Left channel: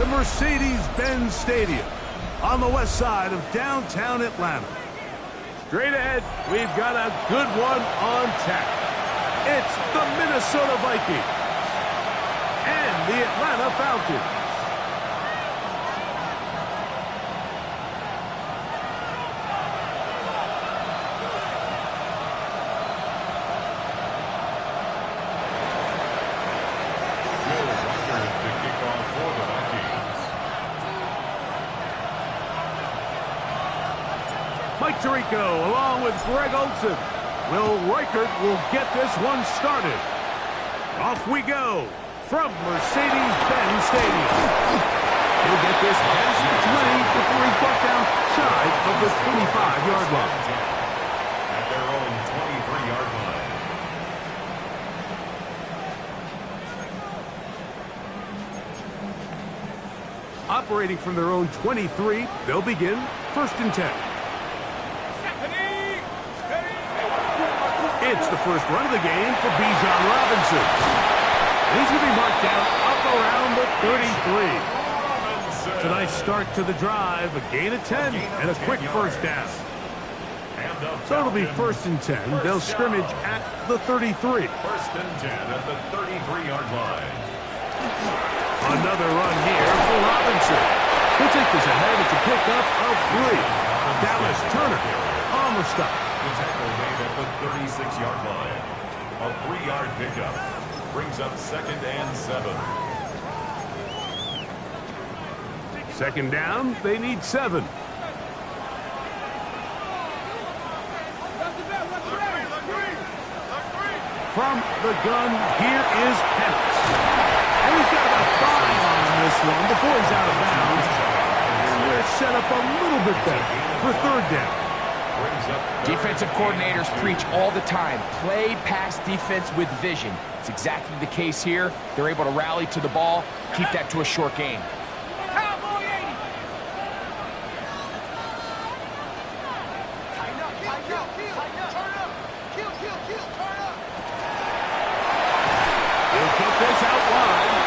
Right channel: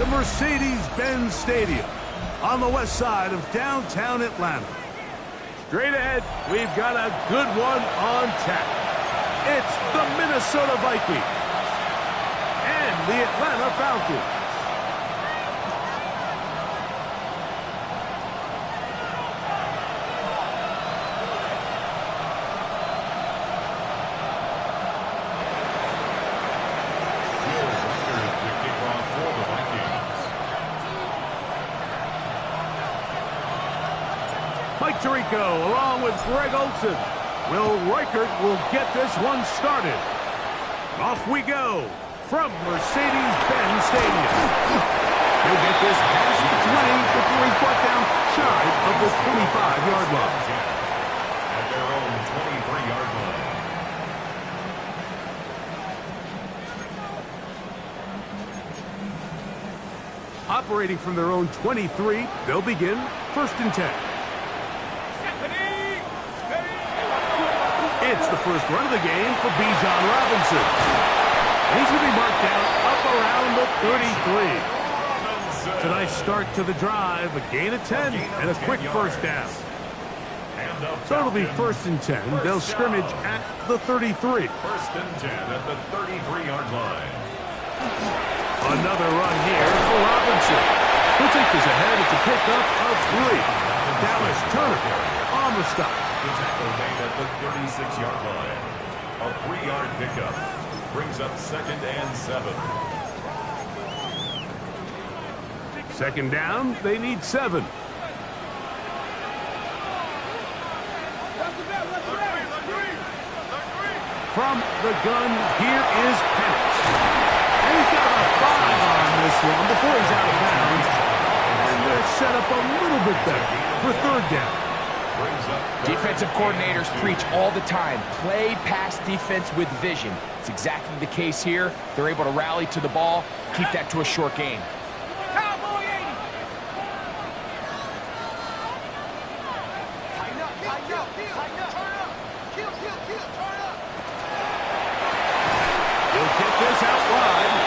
The Mercedes-Benz Stadium on the west side of downtown Atlanta. Straight ahead, we've got a good one on tap. It's the Minnesota Vikings and the Atlanta Falcons. Mike Tirico along with Greg Olson. Will Reichert will get this one started. Off we go from Mercedes-Benz Stadium. He'll get this past the 20 before he's brought down shy of the 25-yard line. At their own 23-yard line. Operating from their own 23, they'll begin 1st and 10. It's the first run of the game for Bijan Robinson. And he's going to be marked down up around the 33. It's a nice start to the drive, a gain of 10, and a quick first down. So it'll be 1st and 10. They'll scrimmage at the 33. 1st and 10 at the 33-yard line. Another run here for Robinson. He'll take this ahead. It's a pickup of 3. Dallas Turner on the stop. The tackle made at the 36-yard line. A 3-yard pickup brings up 2nd and 7. 2nd down, they need 7. From the gun, here is Penix. And he's got about 5 on this one before he's out of bounds. And they're set up a little bit better for 3rd down. Defensive coordinators preach all the time, play pass defense with vision. It's exactly the case here. They're able to rally to the ball, keep that to a short game. Cowboy 80. Tighten up, tighten up, turn up. Kill, turn up. He'll get this out wide.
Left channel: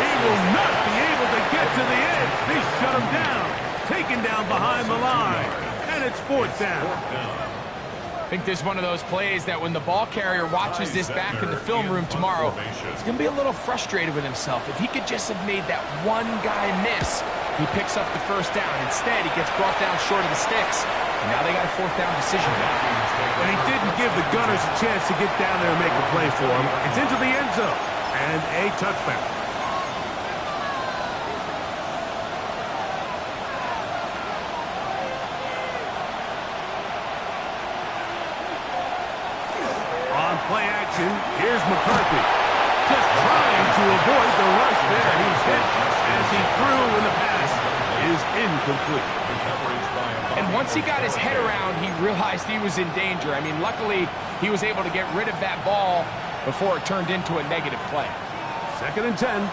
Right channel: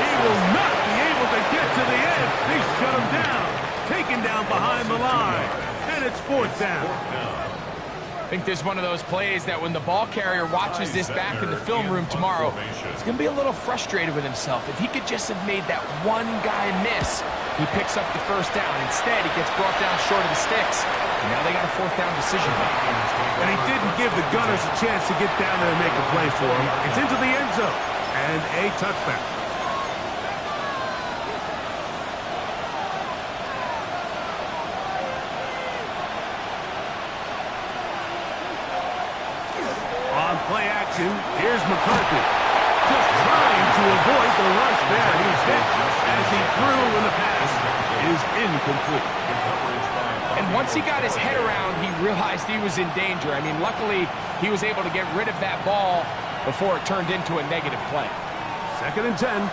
He will not be able to get to the edge. They shut him down. Taken down behind the line. And it's 4th down. I think there's one of those plays that when the ball carrier watches this back in the film room tomorrow, he's going to be a little frustrated with himself. If he could just have made that one guy miss, he picks up the 1st down. Instead, he gets brought down short of the sticks. And now they got a 4th down decision now. And he didn't give the Gunners a chance to get down there and make a play for him. It's into the end zone. And a touchback. On play action, here's McCarthy. Just trying to avoid the rush there. He's hit as he threw and the pass is incomplete. And once he got his head around, he realized he was in danger. I mean, luckily, he was able to get rid of that ball before it turned into a negative play. 2nd and 10.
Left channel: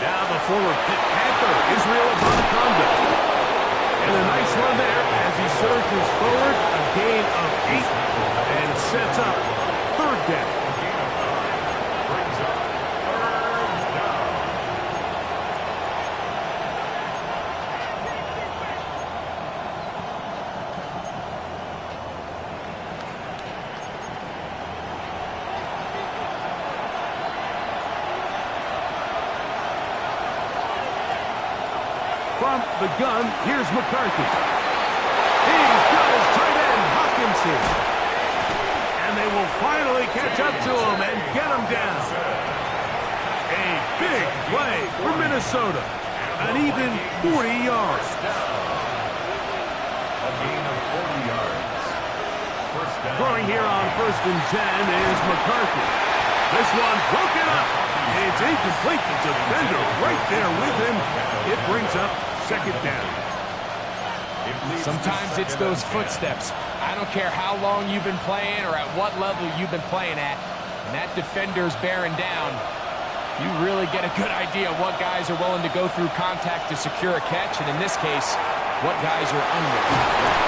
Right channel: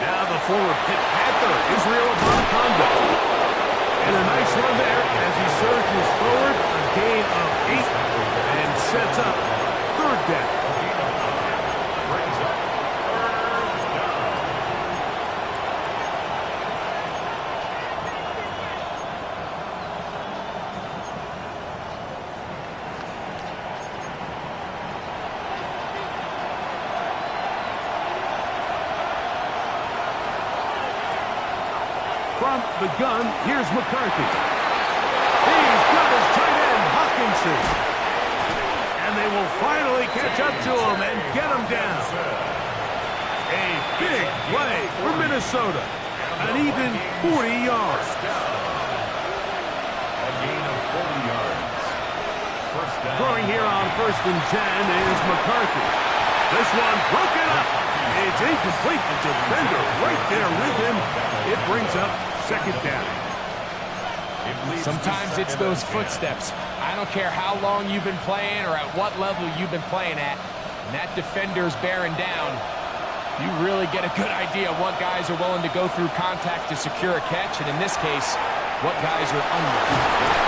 Now the former Pitt Panther, Israel Abonaconda. And a nice run there as he surges forward, a gain of 8, and sets up 3rd down. Brings up 3rd down. From the gun, here's McCarthy. He's got his tight end, Hawkinson. And they will finally catch up to him and get him down. A big play for Minnesota. An even 40 yards. A gain of 40 yards. 1st down. Throwing here on 1st and 10 is McCarthy. This one broken up. It's incomplete. The defender right there with him. It brings up 2nd down. Sometimes it's those footsteps. I don't care how long you've been playing or at what level you've been playing at. When that defender's bearing down, you really get a good idea of what guys are willing to go through contact to secure a catch. And in this case, what guys are under.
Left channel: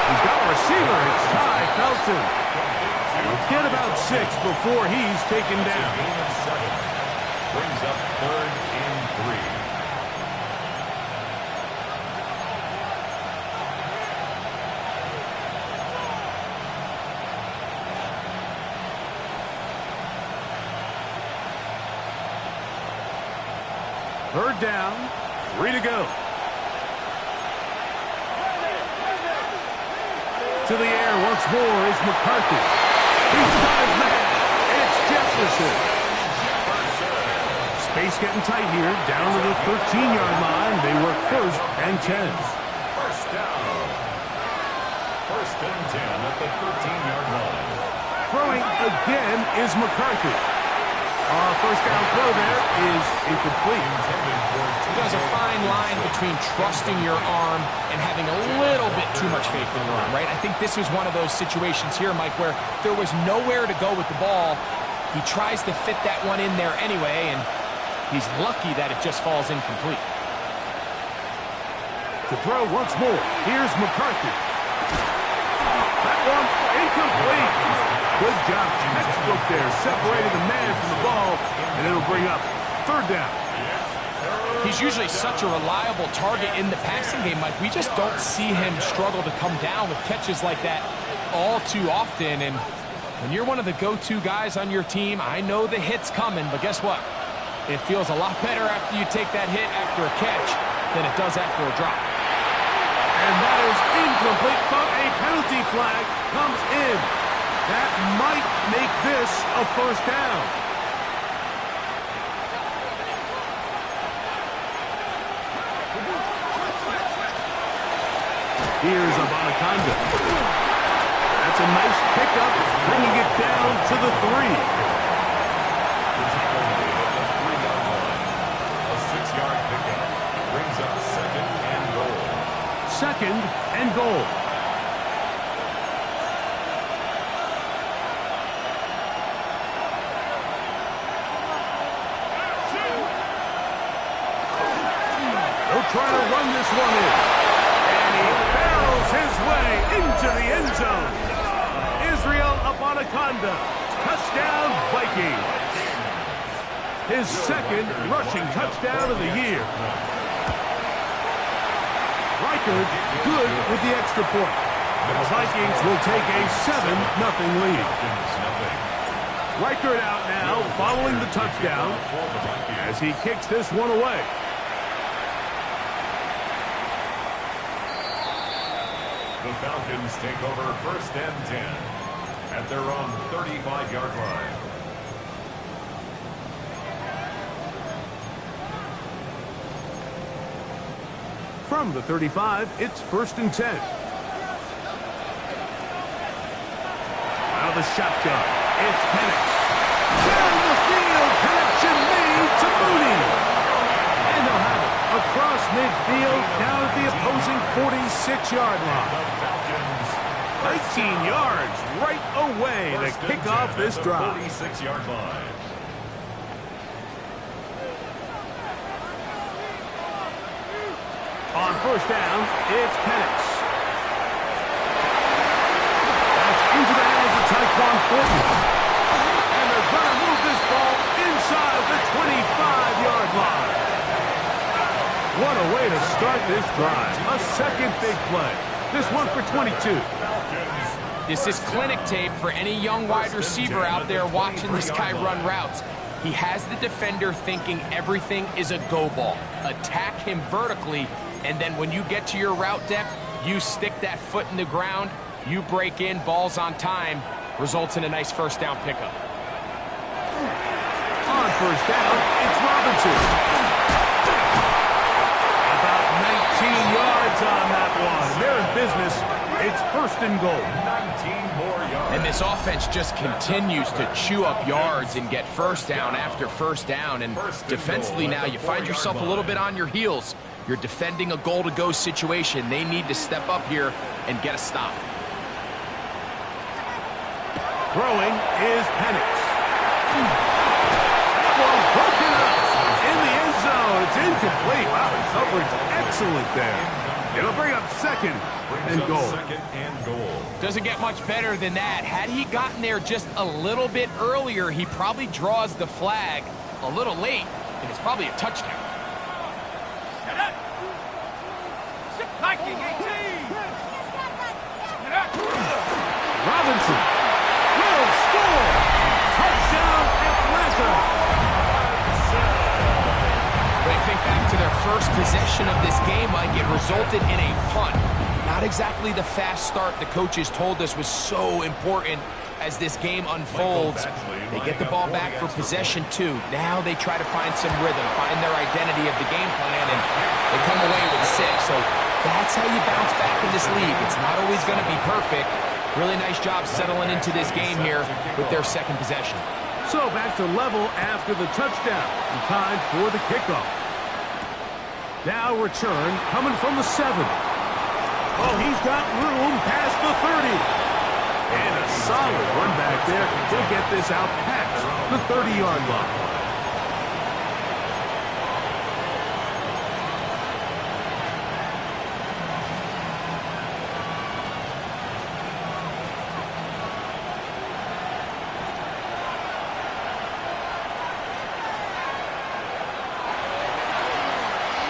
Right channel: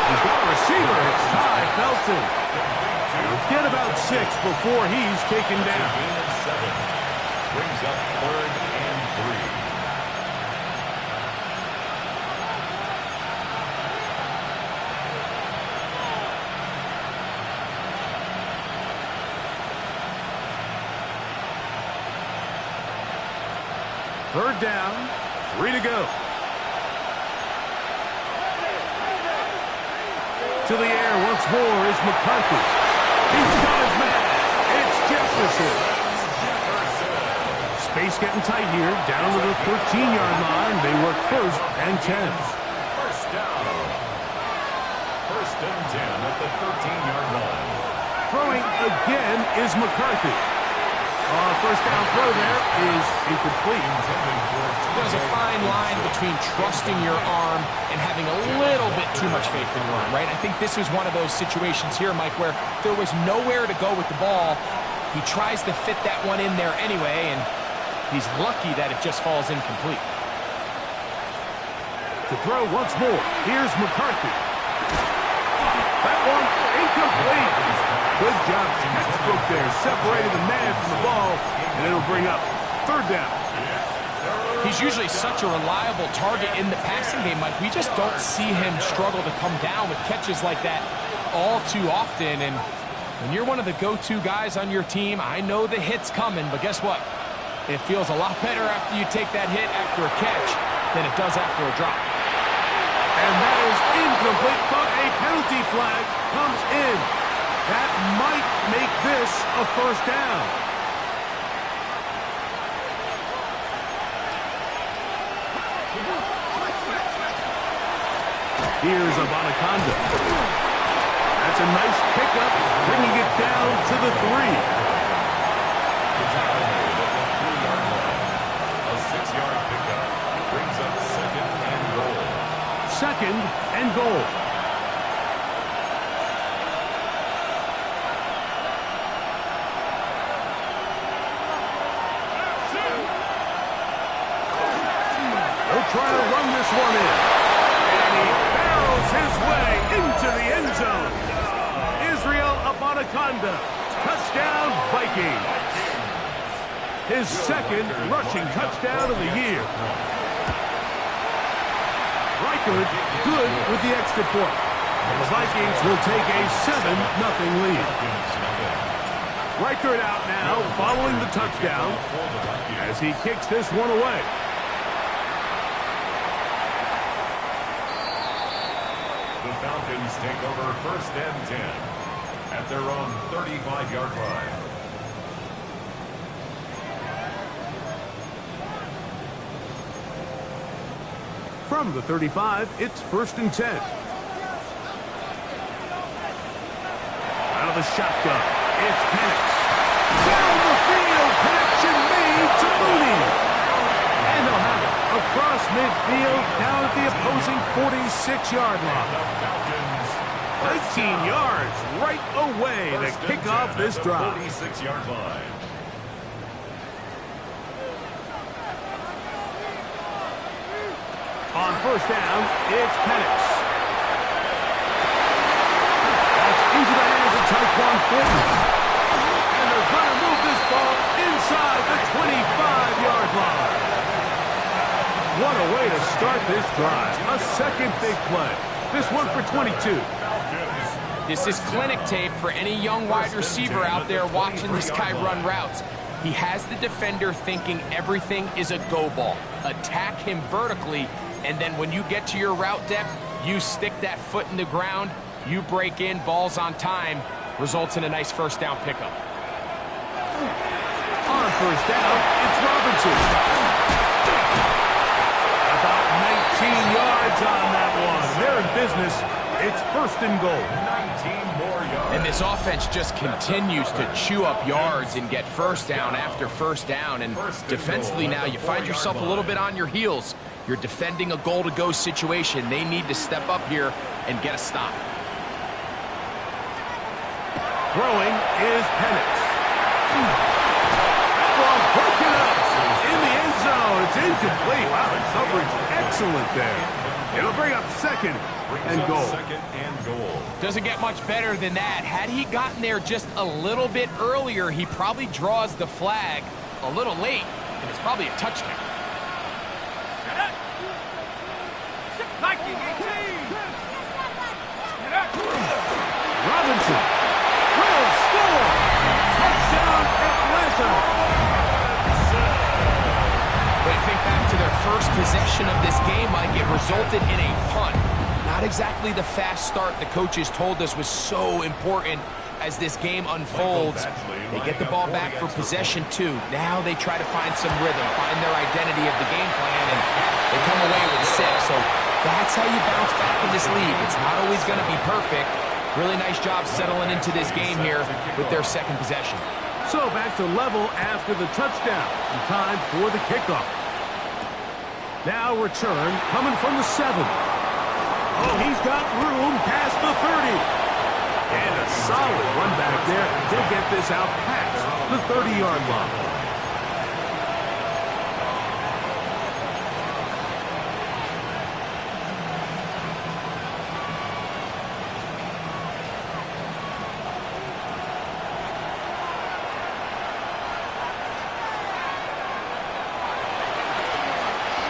He's got a receiver. It's Ty Felton. He'll get about 6 before he's taken down. Gain of 7. Brings up 3rd and 3. Third down, 3 to go. To the air once more is McCarthy. He's got his man. It's Jefferson. Space getting tight here. Down to the 13-yard line. They work 1st and 10. First down. 1st and 10 at the 13-yard line. Throwing again is McCarthy. First down throw there is incomplete. There's a fine line between trusting your arm and having a little bit too much faith in your arm, right? I think this was one of those situations here, Mike, where there was nowhere to go with the ball. He tries to fit that one in there anyway, and he's lucky that it just falls incomplete. To throw once more, here's McCarthy. That one incomplete. Good job, textbook there, separating the man from the ball, and it'll bring up 3rd down. He's usually such a reliable target in the passing game, Mike. We just don't see him struggle to come down with catches like that all too often. And when you're one of the go-to guys on your team, I know the hit's coming, but guess what? It feels a lot better after you take that hit after a catch than it does after a drop. And that is incomplete, but a penalty flag comes in. That might make this a 1st down. Here's Abanaconda. That's a nice pickup, bringing it down to the 3. The tackle made at the 3-yard line. A 6-yard pickup brings up 2nd and goal. 2nd and goal. Trying to run this one in. And he barrels his way into the end zone. Israel Abanaconda. Touchdown, Vikings. His 2nd rushing touchdown of the year. Reichard good with the extra point. The Vikings will take a 7-0 lead. Reichard out now following the touchdown as he kicks this one away. The Falcons take over 1st and 10 at their own 35-yard line. From the 35, it's 1st and 10. Out of the shotgun, it's Penix. Down the field, connection made to Mooney. And they'll have it across midfield down at the opposing 46-yard line. 19 yards right away to kick off this drive. 46-yard line. On 1st down, it's Penix. That's into the hands of Tyquan Thornton. And they're going to move this ball inside the 25-yard line. What a way to start this drive. A 2nd big play. This one for 22. This is clinic tape for any young wide receiver out there watching this guy run routes. He has the defender thinking everything is a go ball. Attack him vertically, and then when you get to your route depth, you stick that foot in the ground, you break in, balls on time, results in a nice 1st down pickup. On 1st down, it's Robinson. About 19 yards on that one. They're in business. It's 1st and goal. 19 more yards. And this offense just continues to chew up yards and get 1st down after 1st down. And defensively now, you find yourself a little bit on your heels. You're defending a goal-to-go situation. They need to step up here and get a stop. Throwing is Penix. That ball broken up in the end zone. It's incomplete. Wow, the coverage excellent there. It'll bring up second and goal. Doesn't get much better than that. Had he gotten there just a little bit earlier, he probably draws the flag a little late, and it's probably a touchdown. Viking 18. Robinson will score. Touchdown, Atlanta. When you think back to their first possession of this game, Mike, it resulted in a punt. Not exactly the fast start the coaches told us was so important as this game unfolds. They get the ball back for possession two. Now they try to find some rhythm, find their identity of the game plan, and they come away with 6. So that's how you bounce back in this league. It's not always going to be perfect. Really nice job settling into this game here with their second possession. So back to level after the touchdown. Time for the kickoff. Now return coming from the 7. Oh, he's got room past the 30. And a solid run back there. He'll get this out past the 30-yard line.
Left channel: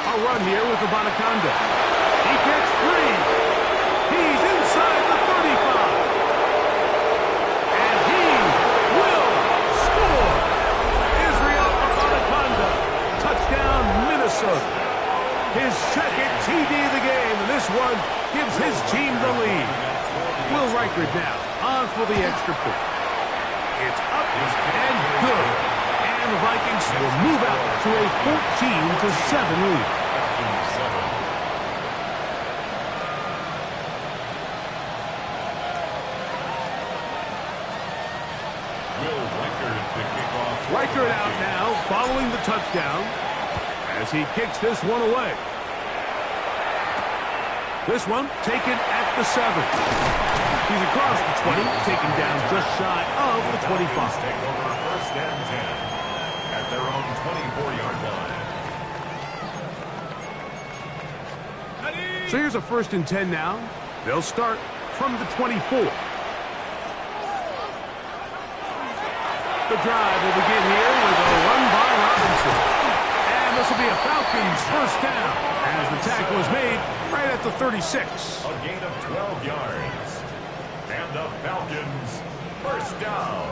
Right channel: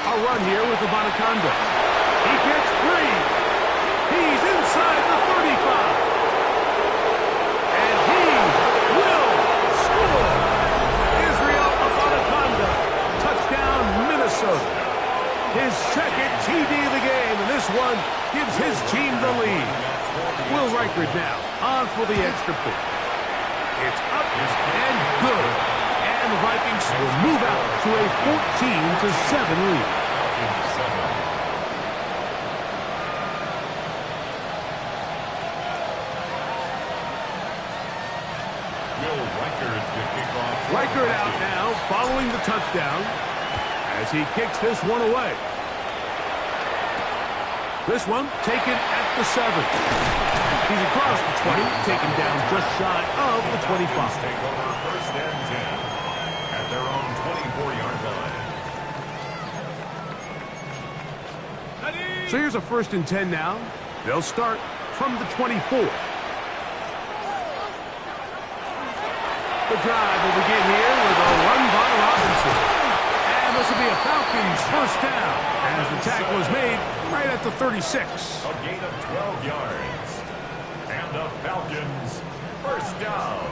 A run here with the Bonaconda. He gets 3. He's inside the 35. And he will score. Israel Bonaconda. Touchdown, Minnesota. His second TD of the game, and this one gives his team the lead. Will Reichard now on for the extra point. It's up and good. And the Vikings will move out to a 14-7 lead. Will Reichard to kick off. Reichard out now following the touchdown as he kicks this one away. This one taken at the 7. He's across the 20, taken down just shy of the 25. Take over first and 10 at their own 24-yard line. So here's a first and 10 now. They'll start from the 24. The drive will begin here with a run by Robinson. And this will be a Falcons first down as the tackle is made right at the 36. A gain of 12 yards. And the Falcons first down.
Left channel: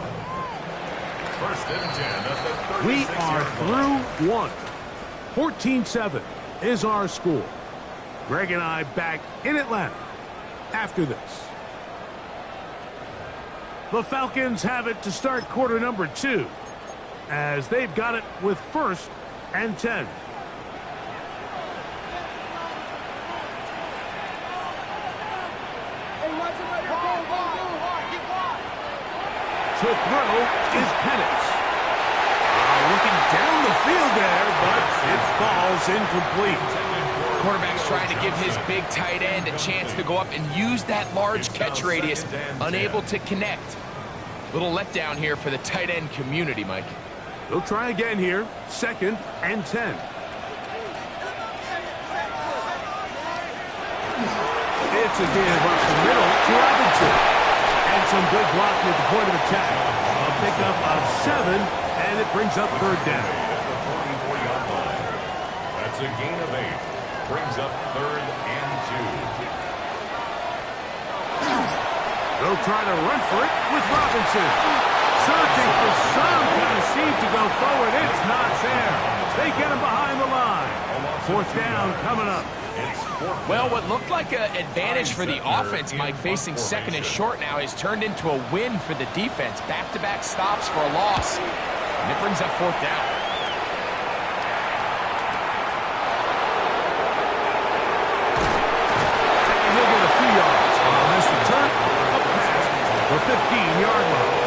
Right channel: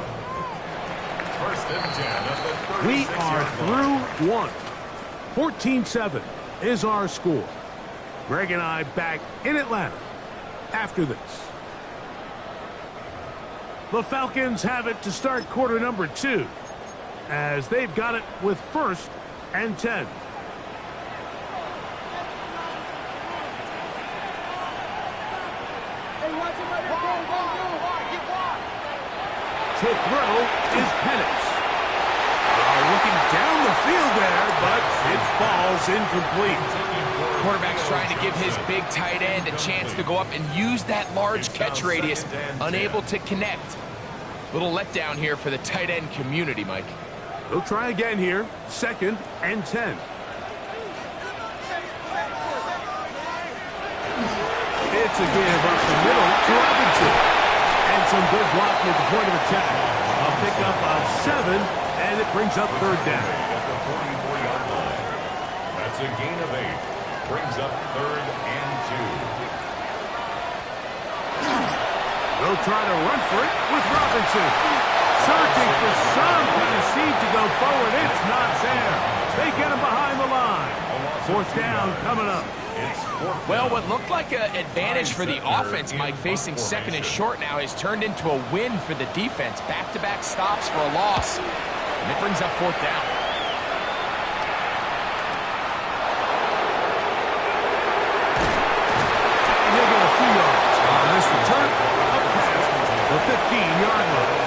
First and 10 at the 36-yard line. We are through one. 14-7 is our score. Greg and I back in Atlanta after this. The Falcons have it to start quarter number 2 as they've got it with first and 10. To throw is Penix. Looking down the field there, but it falls incomplete. Quarterback's trying to give his big tight end a chance to go up and use that large catch radius. Unable to connect. Little letdown here for the tight end community, Mike. They'll try again here. Second and 10. It's a give up the middle to Robinson. And some good blocking at the point of attack. A pickup of 7, and it brings up third down. At the 44-yard line. That's a gain of 8. Brings up third and 2. They'll try to run for it with Robinson. Searching for some kind of seed to go forward. It's not there. They get him behind the line. Fourth down coming up. Well, what looked like an advantage for the offense, Mike, facing second and short now, has turned into a win for the defense. Back-to-back stops for a loss. And it brings up fourth down. And he'll get a few yards on this return up past the 15-yard line.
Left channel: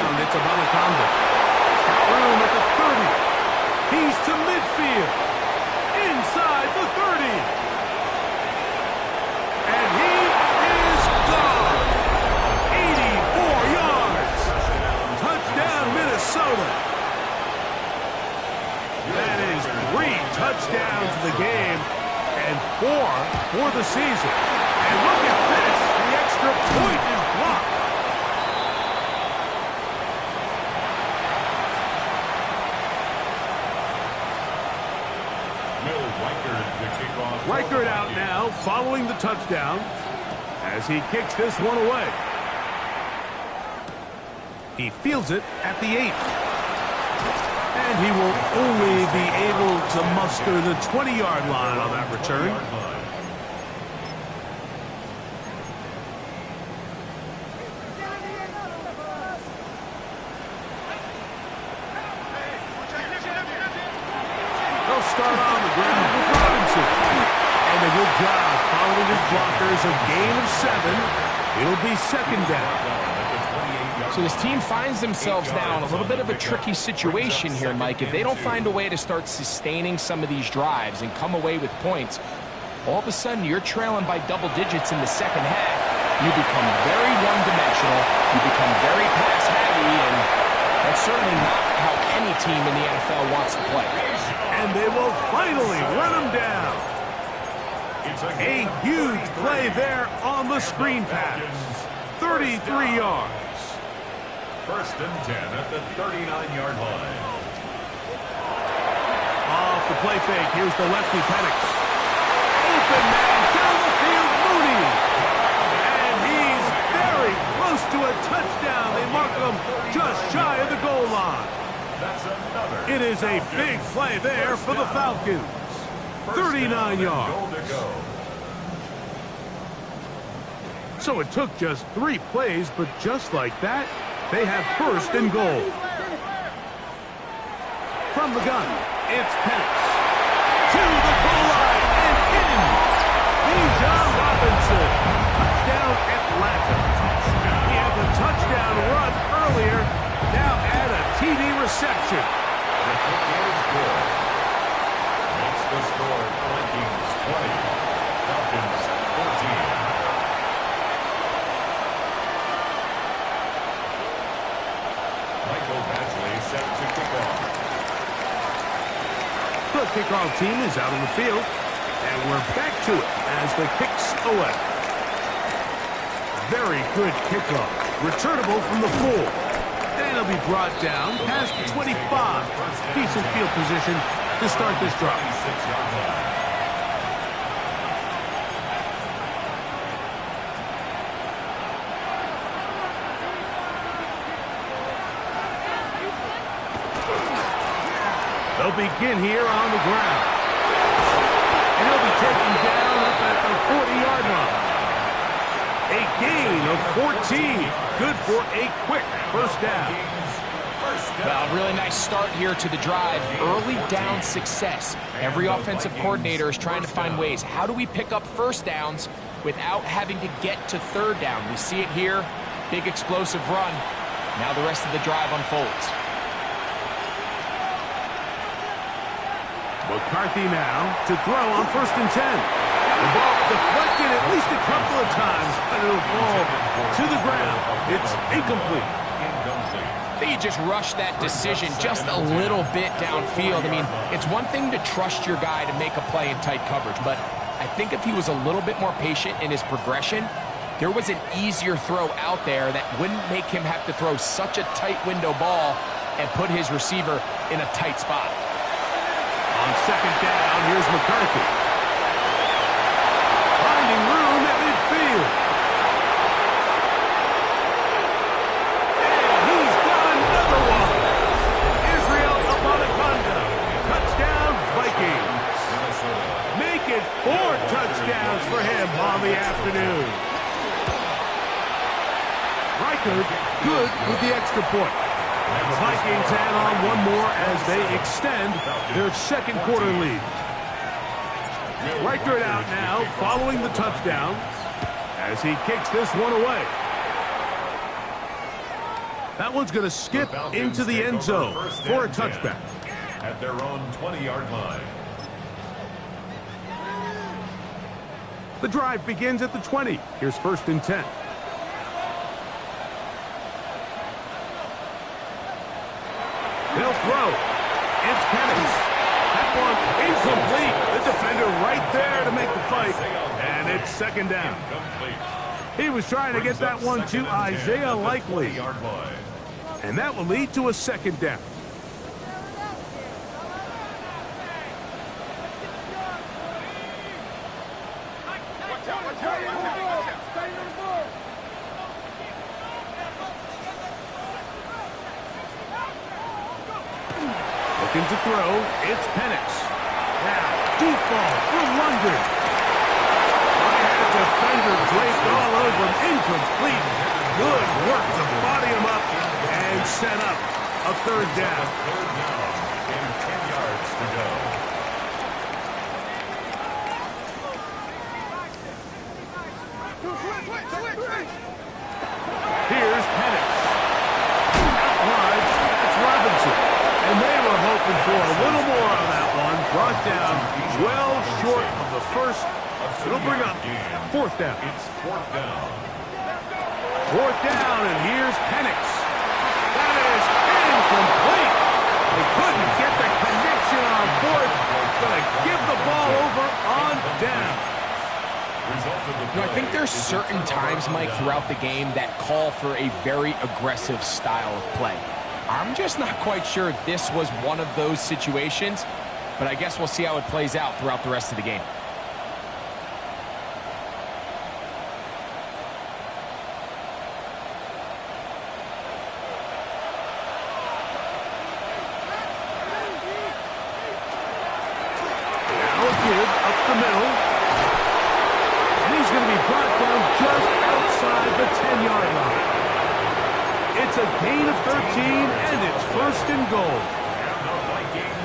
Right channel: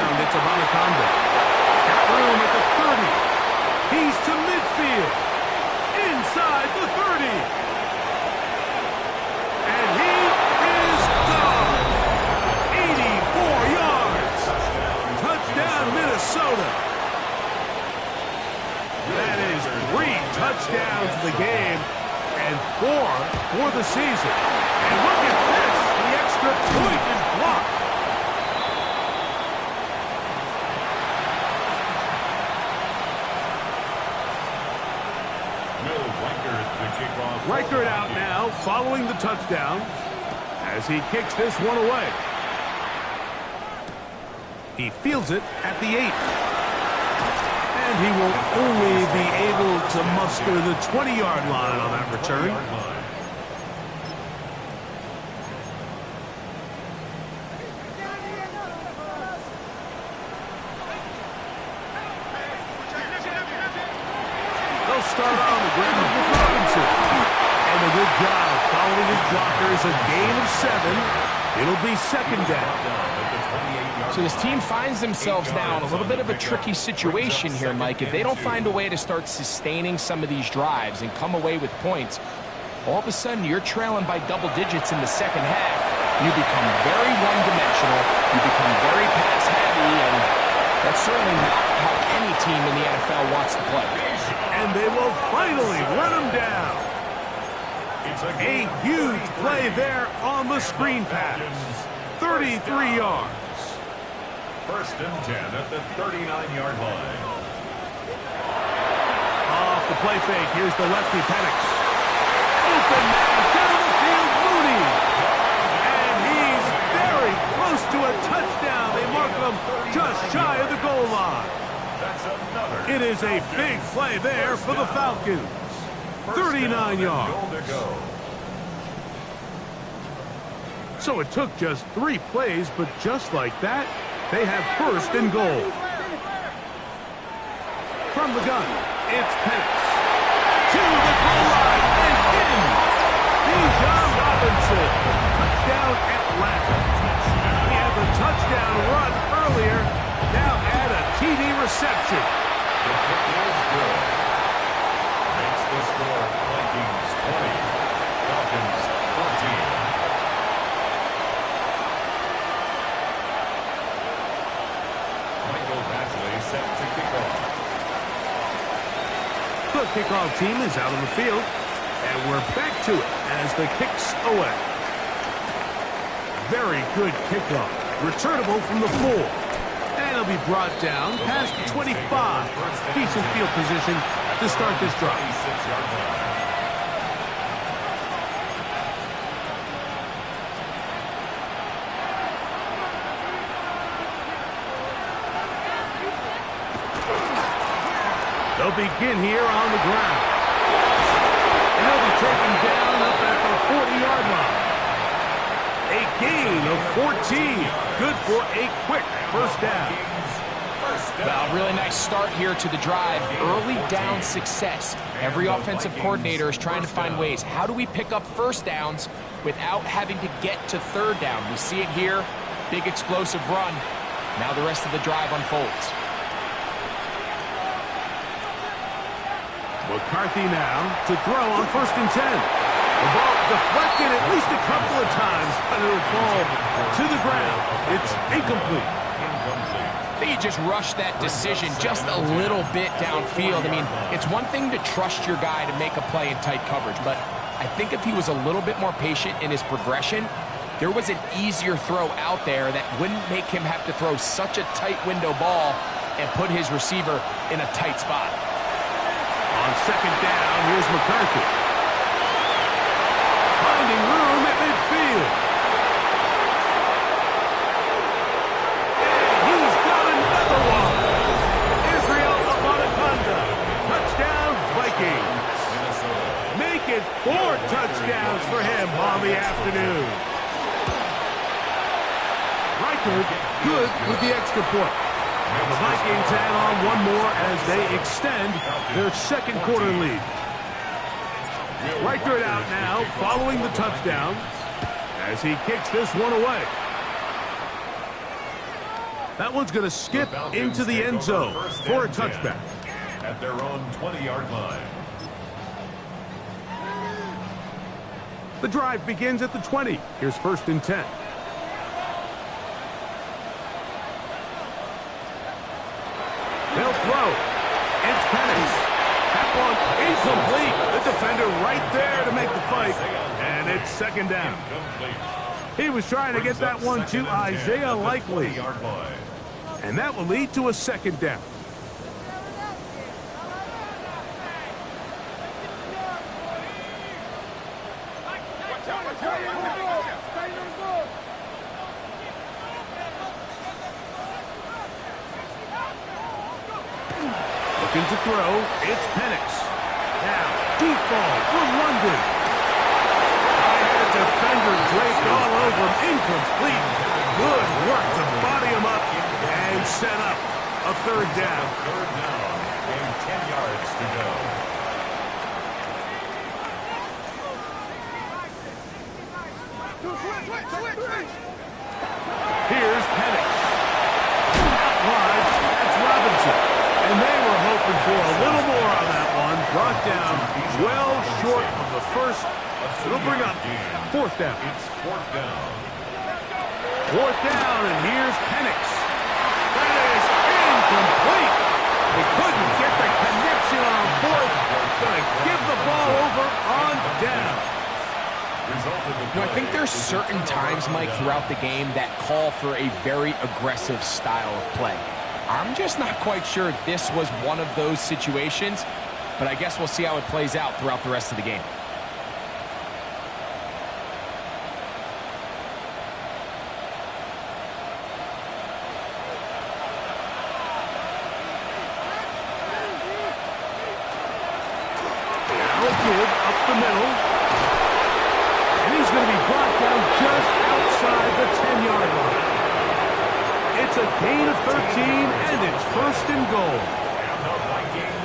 ground. It's Anaconda. He's got room at the 30. He's to midfield. Inside the 30. And he is gone. 84 yards. Touchdown, Minnesota. That is 3 touchdowns in the game and 4 for the season. And look at this. The extra point is blocked. Reichert out now following the touchdown as he kicks this one away. He fields it at the 8. And he will only be able to muster the 20-yard line on that return. They'll start on the ground with Robinson. And a good job following his blockers. A gain of 7. It'll be second down. So this team finds themselves now in a little bit of a tricky situation here, Mike. If they don't find a way to start sustaining some of these drives and come away with points, all of a sudden you're trailing by double digits in the second half. You become very one-dimensional. You become very pass-heavy, and that's certainly not how any team in the NFL wants to play. And they will finally run him down. A huge play there on the screen pass. 33 yards. First and 10 at the 39-yard line. Off the play fake. Here's the lefty, Penix. Open man down the field, Mooney. And he's very close to a touchdown. They mark him just shy of the goal line. That's another. It is a big play there for the Falcons. 39 yards. So it took just 3 plays, but just like that, they have first and goal. From the gun, it's Penix. To the goal line and in. Bijan Robinson. Touchdown, Atlanta. He had the touchdown run earlier. Now add a TD reception. The kick is good. Makes the score Vikings 20. Falcons 14. Set to kick off. The kickoff team is out on the field, and we're back to it as the kick's away. Very good kickoff. Returnable from the 4. And it'll be brought down past the 25. Decent field position to start this drive. 26-yard line. They'll begin here on the ground. And he'll be taken down up at the 40-yard line. A gain of 14. Good for a quick first down. Well, really nice start here to the drive. Early down success. Every offensive coordinator is trying to find ways. How do we pick up first downs without having to get to third down? We see it here. Big explosive run. Now the rest of the drive unfolds. McCarthy now to throw on first and 10. The ball deflected at least a couple of times, but it'll fall to the ground. It's incomplete. I think he just rushed that decision just a little bit downfield. I mean, it's one thing to trust your guy to make a play in tight coverage, but I think if he was a little bit more patient in his progression, there was an easier throw out there that wouldn't make him have to throw such a tight window ball and put his receiver in a tight spot. On second down, here's McCarthy. Finding room at midfield. And he's got another one. Israel Anaconda. Touchdown, Vikings. Make it 4 touchdowns for him on the afternoon. Reichert good with the extra point. The Vikings add on one more as they extend their second quarter lead. Reichert out now following the touchdown as he kicks this one away. That one's going to skip into the end zone for a touchback. At their own 20-yard line. The drive begins at the 20. Here's 1st and 10. They'll throw. It's Penix. That one incomplete. The defender right there to make the fight. And it's 2nd down. He was trying to get that one to Isaiah Likely. And that will lead to a 2nd down. Looking to throw, it's Penix. Now, deep ball for London. I had a defender draped all over him, incomplete. Good work to body him up and set up a 3rd down. 3rd down and 10 yards to go. Here's Penix. Out wide, that's Robinson. And they were hoping for a little more on that one. Brought down well short of the first. It'll bring up 4th down. It's 4th down. 4th down, and here's Penix. That is incomplete. They couldn't get the connection on 4th. Going to give the ball over on down. I think there's certain times, Mike, throughout the game that call for a very aggressive style of play. I'm just not quite sure this was one of those situations, but I guess we'll see how it plays out throughout the rest of the game. Now a give up the middle. And he's going to be brought down just outside the 10-yard line. It's a gain of 13, and it's 1st and goal.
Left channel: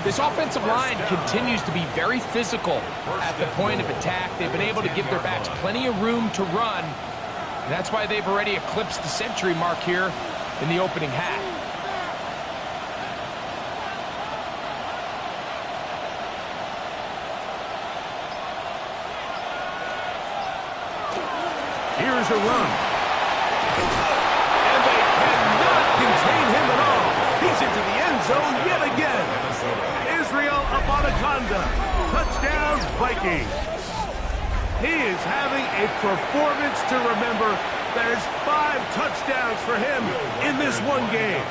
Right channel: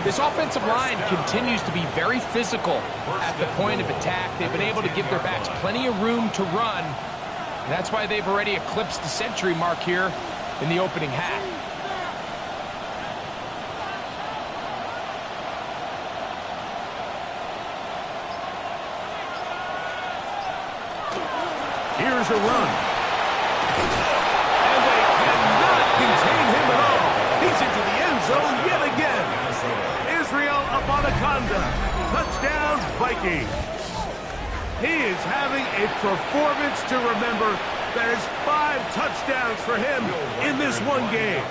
This offensive line continues to be very physical at the point of attack. They've been able to give their backs plenty of room to run. And that's why they've already eclipsed the century mark here in the opening half. Here's a run. And they cannot contain him at all. He's into the end zone yet again. Israel Abanikanda. Touchdown, Vikings. He is having a performance to remember. There's 5 touchdowns for him in this one game.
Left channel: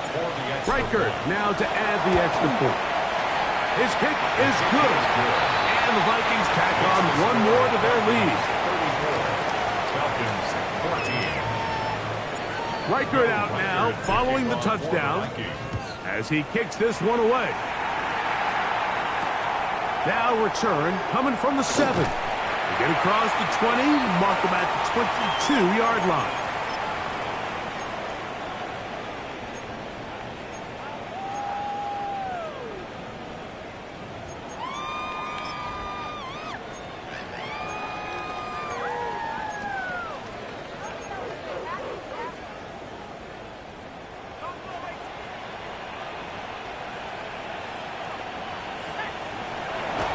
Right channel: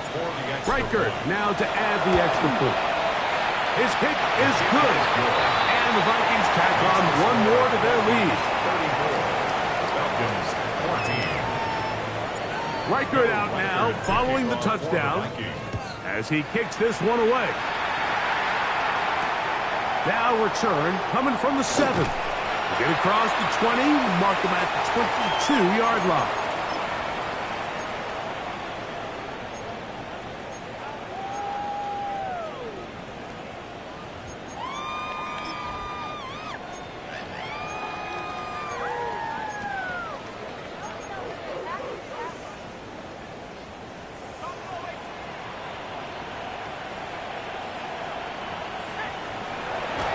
Reichert now to add the extra point. His kick is good. And the Vikings tack on one more to their lead. 34. Falcons 14. Reichert out now following the touchdown as he kicks this one away. Now return coming from the 7. They get across the 20, mark them at the 22-yard line.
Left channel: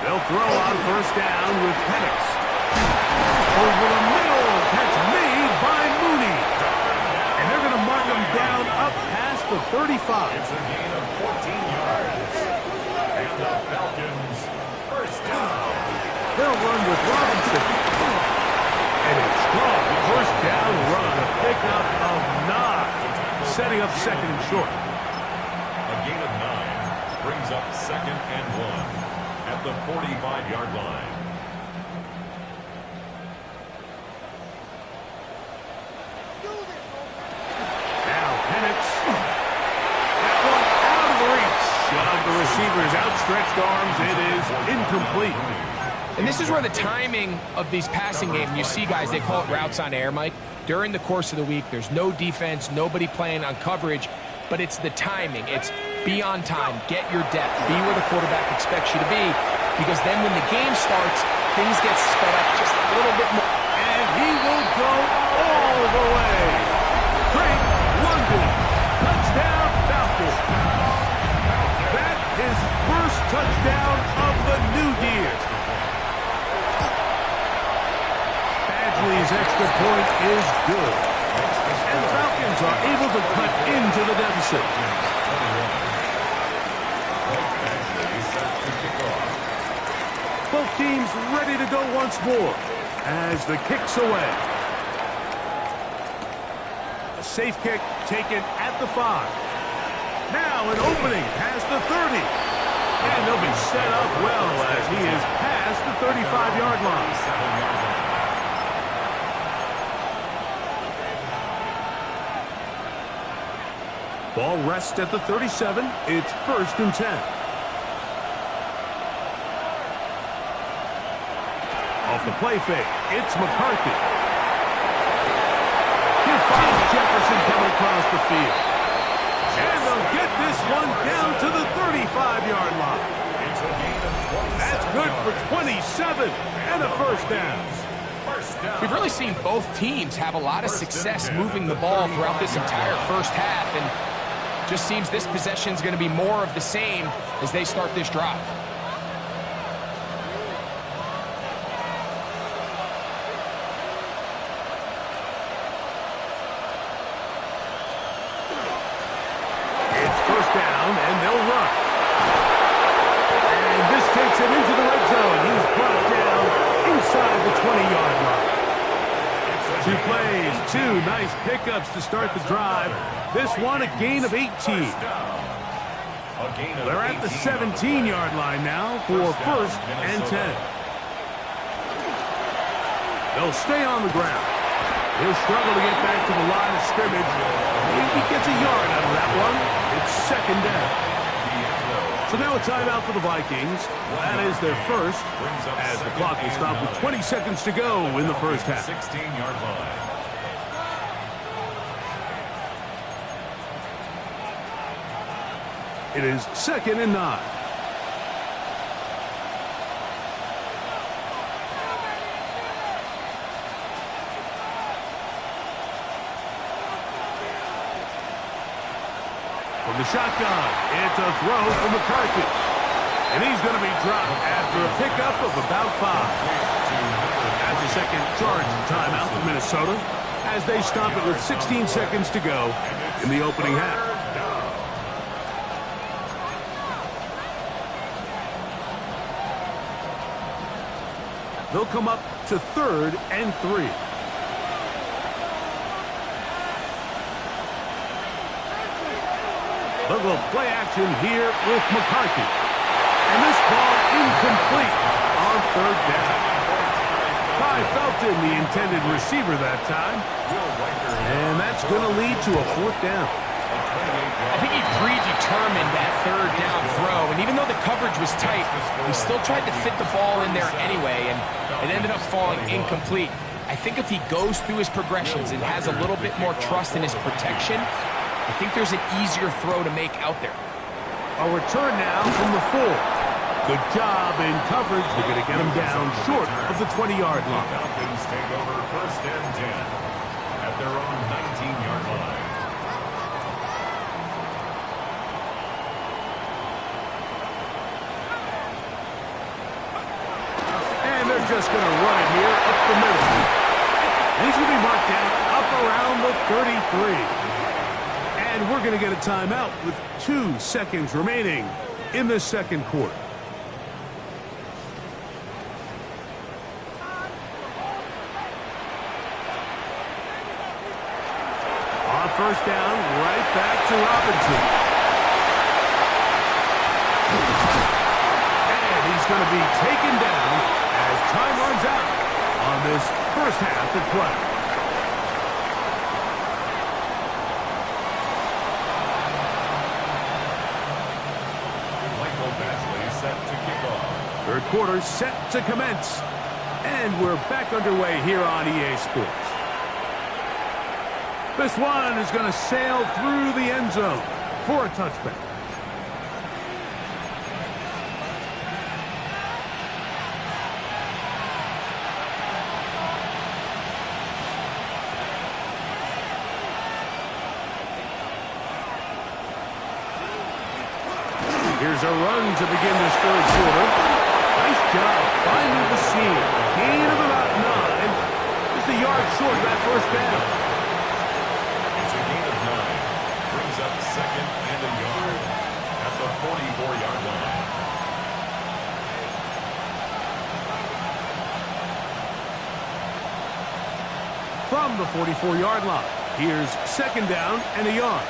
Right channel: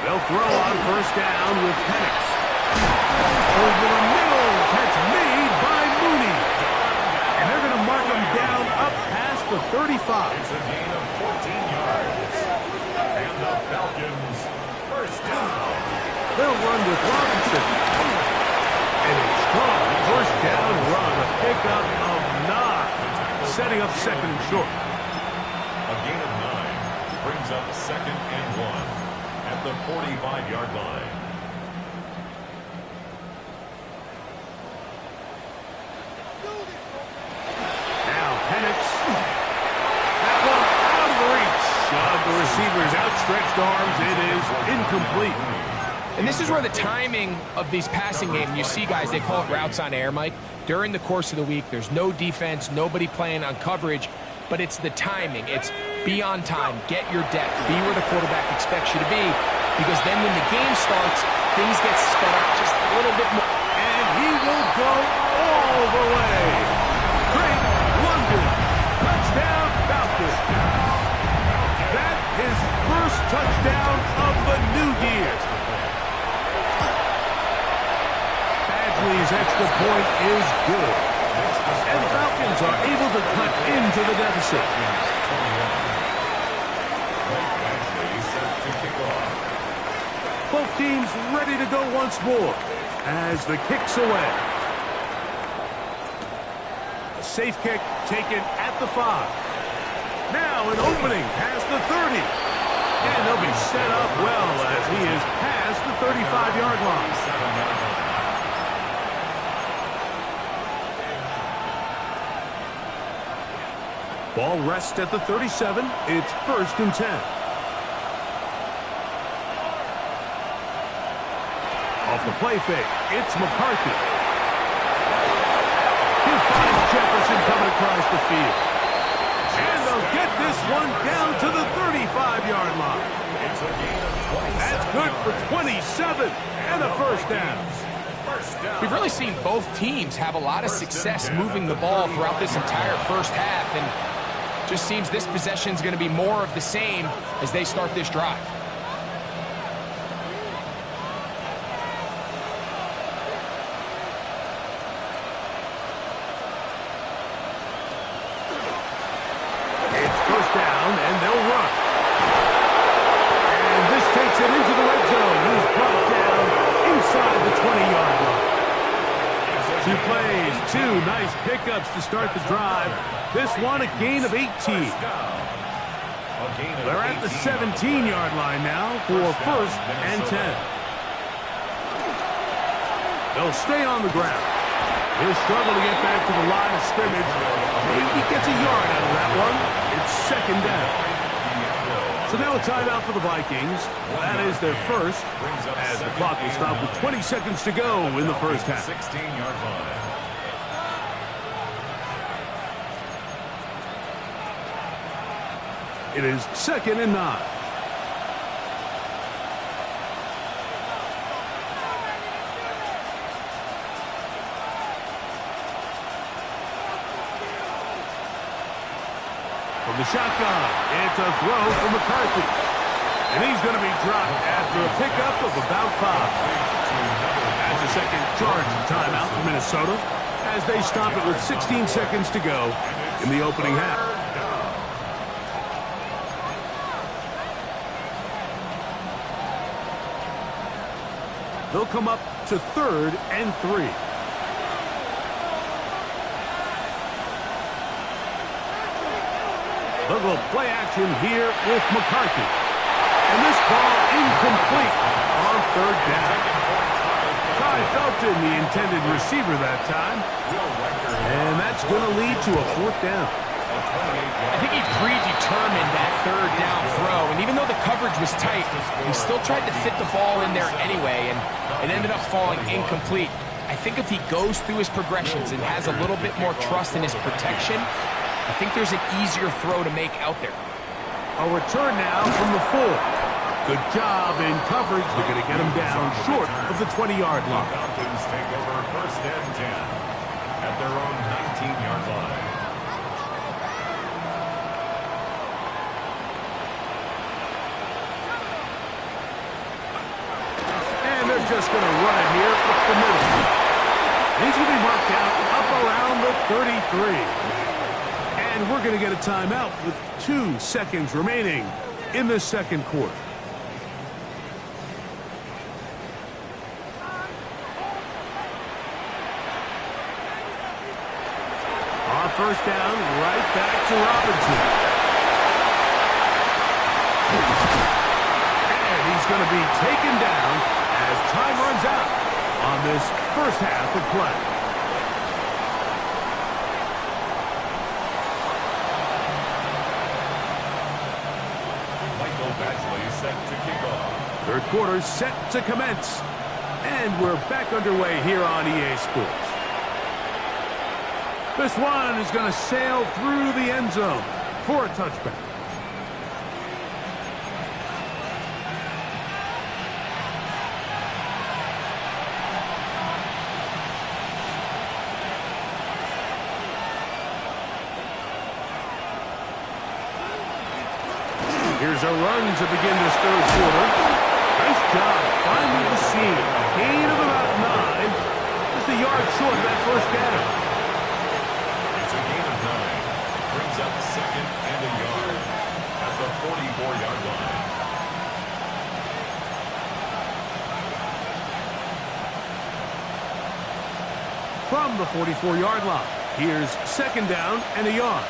They'll throw on 1st down with Penix. Over the middle, catch made by Mooney. And they're going to mark him down up past the 35. It's a gain of 14 yards. And the Falcons 1st down. They'll run with Robinson. And a strong 1st down run, a pickup of 9. Setting up 2nd and short. A gain of 9 brings up 2nd and 1. At the 45-yard line. Now Penix. That one out of the reach of the receiver's outstretched arms. It is incomplete. And this is where the timing of these passing games, you see guys, they call it routes on air, Mike. During the course of the week, there's no defense, nobody playing on coverage, but it's the timing. It's be on time, get your depth, be where the quarterback expects you to be, because then when the game starts, things get sped up just a little bit more. And he will go all the way. Drake London, touchdown. His extra point is good. And the Falcons are able to cut into the deficit. Both teams ready to go once more as the kick's away. A safe kick taken at the 5. Now an opening past the 30. And they'll be set up well as he is past the 35-yard line. Ball rests at the 37. It's 1st and 10. Off the play fake, it's McCarthy. He finds Jefferson coming across the field. And they'll get this one down to the 35-yard line. That's good for 27 and a first down. We've really seen both teams have a lot of success moving the ball throughout this entire first half, and just seems this possession is going to be more of the same as they start this drive. And they'll run. And this takes him into the red zone. He's brought down inside the 20-yard line. 2 plays, 2 nice pickups to start the drive. This one a gain of 18. They're at the 17-yard line now for 1st and 10. They'll stay on the ground. He'll struggle to get back to the line of scrimmage. Maybe he gets a yard out of that one. It's 2nd down. So now a timeout for the Vikings. That is their first, as the clock will stop with 20 seconds to go in the first half. 16-yard line. It is 2nd and 9. From the shotgun, it's a throw for McCarthy. And he's going to be dropped after a pickup of about 5. That's a second charge timeout for Minnesota as they stop it with 16 seconds to go in the opening half. They'll come up to 3rd and 3. They'll go play action here with McCarthy. And this ball incomplete on 3rd down. Ty Felton, the intended receiver that time. And that's going to lead to a 4th down. I think he predetermined that 3rd down throw, and even though the coverage was tight, he still tried to fit the ball in there anyway, and it ended up falling incomplete. I think if he goes through his progressions and has a little bit more trust in his protection, I think there's an easier throw to make out there. A return now from the 4. Good job in coverage. They're going to get him down short of the 20-yard line. The Falcons take over 1st and 10 at their own 19-yard line. And they're just going to run it here up the middle. And he's going to be marked down up around the 33. And we're going to get a timeout with 2 seconds remaining in the 2nd quarter. On 1st down, right back to Robinson. And he's going to be taken down as time runs out on this first half of play. Michael Badgley set to kick off. 3rd quarter set to commence. And we're back underway here on EA Sports. This one is going to sail through the end zone for a touchback. Here's a run to begin this 3rd quarter. Nice job finding the seam. Gain of about 9. Just a yard short of that first down. It's a gain of 9. Brings up second and a yard at the 44-yard line. From the 44-yard line, here's second down and a yard.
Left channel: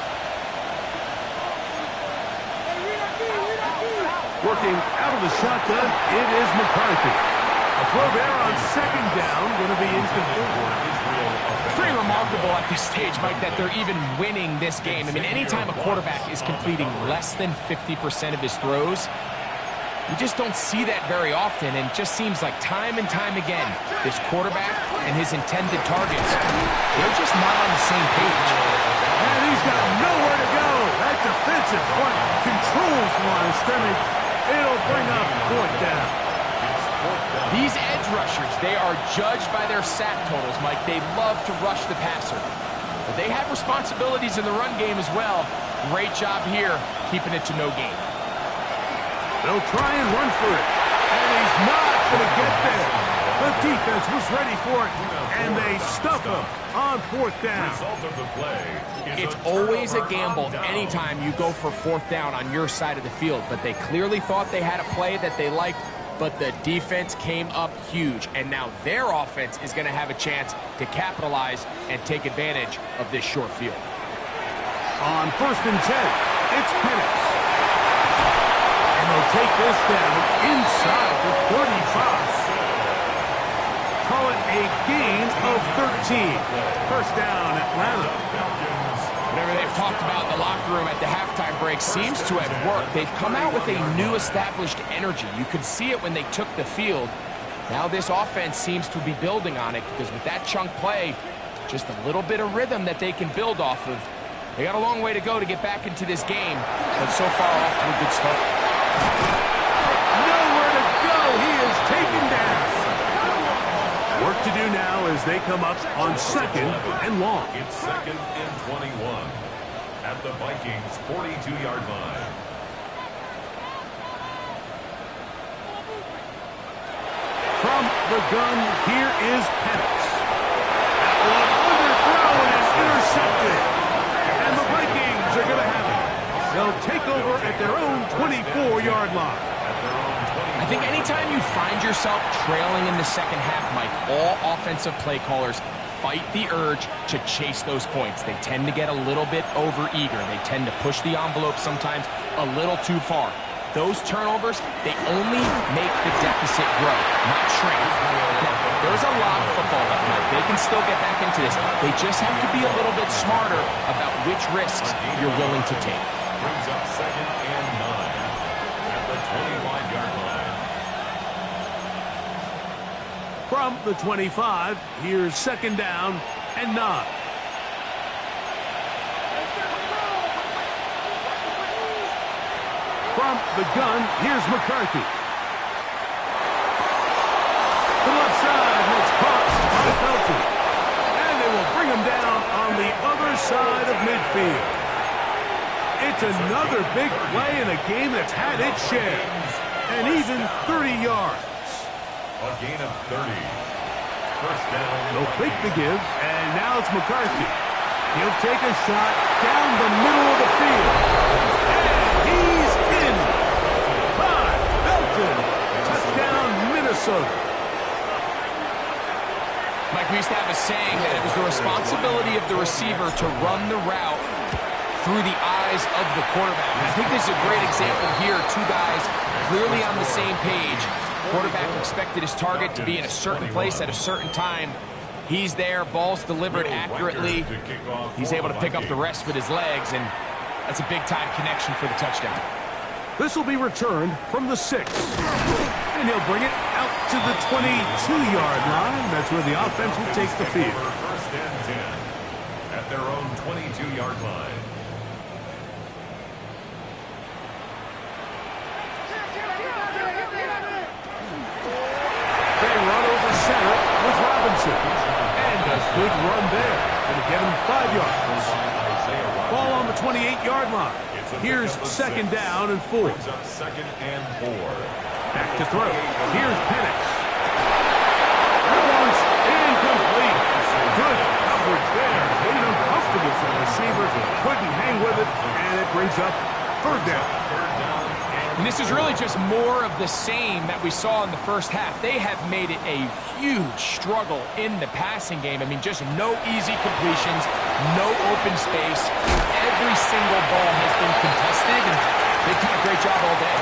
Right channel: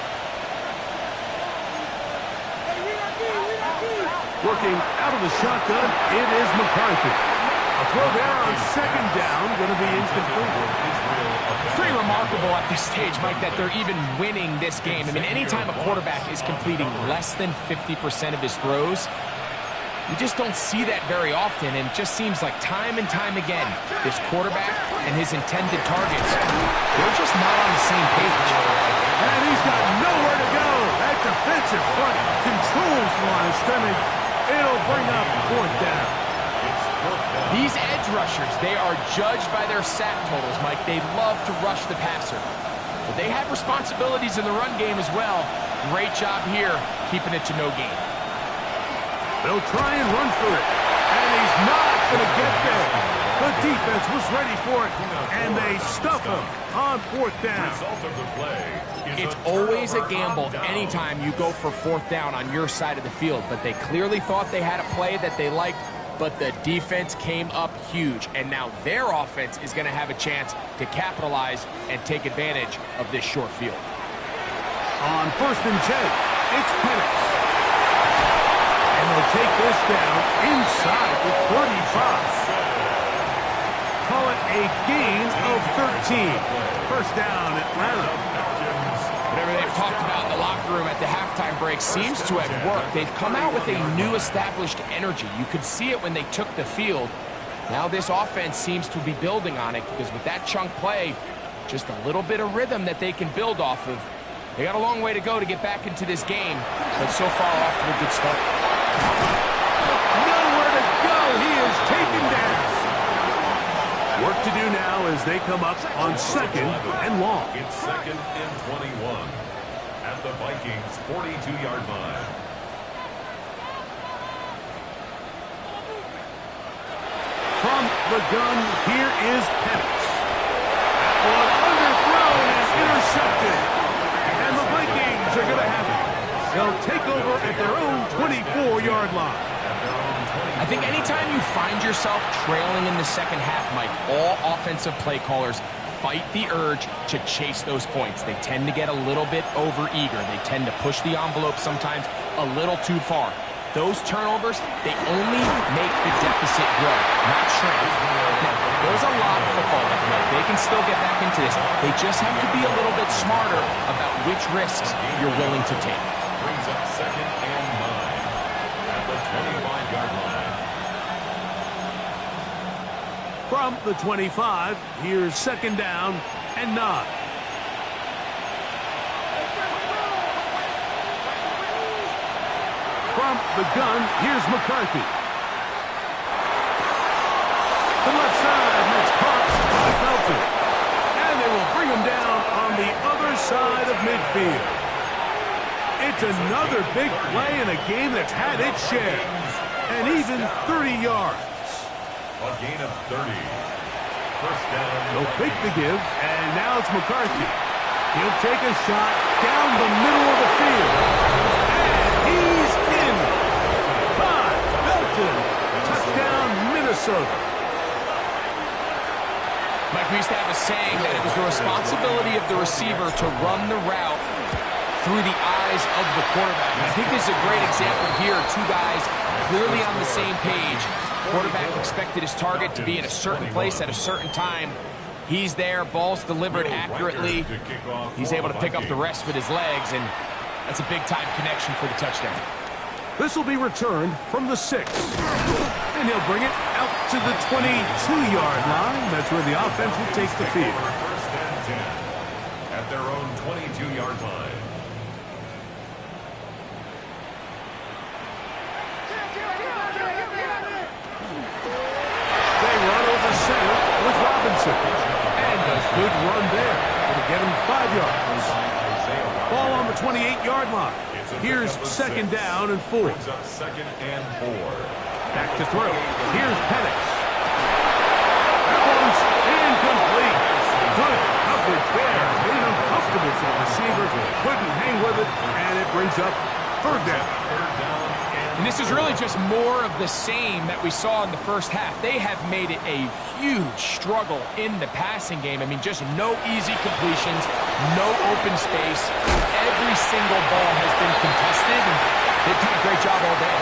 Working out of the shotgun, it is McCarthy. A throw there on second down, going to be incomplete. It's pretty remarkable at this stage, Mike, that they're even winning this game. I mean, anytime a quarterback is completing less than 50% of his throws, you just don't see that very often, and it just seems like time and time again, this quarterback and his intended targets, they're just not on the same page. And he's got nowhere to go. That defensive front controls the line of scrimmage. It'll bring up fourth down. These edge rushers, they are judged by their sack totals, Mike. They love to rush the passer. But they have responsibilities in the run game as well. Great job here, keeping it to no gain. They'll try and run for it. And he's not going to get there. The defense was ready for it, and they stuff him on fourth down. It's always a gamble anytime you go for fourth down on your side of the field, but they clearly thought they had a play that they liked, but the defense came up huge, and now their offense is going to have a chance to capitalize and take advantage of this short field. On 1st and 10, it's Penix. And they'll take this down inside the 35. Call it a gain of 13. First down, Atlanta. Whatever they've talked about in the locker room at the halftime break seems to have worked. They've come out with a new established energy. You could see it when they took the field. Now this offense seems to be building on it because with that chunk play, just a little bit of rhythm that they can build off of. They got a long way to go to get back into this game, but so far off to a good start. Nowhere to go. He is taken down. Work to do now as they come up on second and long. It's second and 21 at the Vikings 42-yard line. From the gun, here is Penix. That one underthrown and intercepted. And the Vikings are going to have it. They'll take over at their own 24-yard line. I think anytime you find yourself trailing in the second half, Mike, all offensive play callers fight the urge to chase those points. They tend to get a little bit overeager. They tend to push the envelope sometimes a little too far. Those turnovers, they only make the deficit grow, not shrink. Now, there's a lot of football left, Mike. They can still get back into this. They just have to be a little bit smarter about which risks you're willing to take. Brings up second and 9 at the 25-yard line. From the 25, here's second down and 9. From the gun, here's McCarthy. The left side, and it's caught by Felton. And they will bring him down on the other side of midfield. It's another big play in a game that's had its share. And even 30 yards. A gain of 30. First down. They'll fake the give, and now it's McCarthy. He'll take a shot down the middle of the field. And he's in. By Felton. Touchdown, Minnesota. Mike, we used to have a saying that it was the responsibility of the receiver to run the route through the eyes of the quarterback. And I think this is a great example here. Two guys clearly on the same page. Quarterback expected his target to be in a certain place at a certain time. He's there, ball's delivered accurately. He's able to pick up the rest with his legs, and that's a big-time connection for the touchdown. This will be returned from the 6. And he'll bring it out to the 22-yard line. That's where the offense will take the field. First and 10 at their own 22-yard line. They run over center with Robinson. And a good run there. Going to get him 5 yards. Ball on the 28-yard line. Here's second down and 4. Second and 4. Back to throw. Here's Penix. That one's incomplete. coverage there. Made it uncomfortable for the receiver. Couldn't hang with it, and it brings up third down. And this is really just more of the same that we saw in the first half. They have made it a huge struggle in the passing game. I mean, just no easy completions, no open space. Every single ball has been contested, and they've done a great job all day.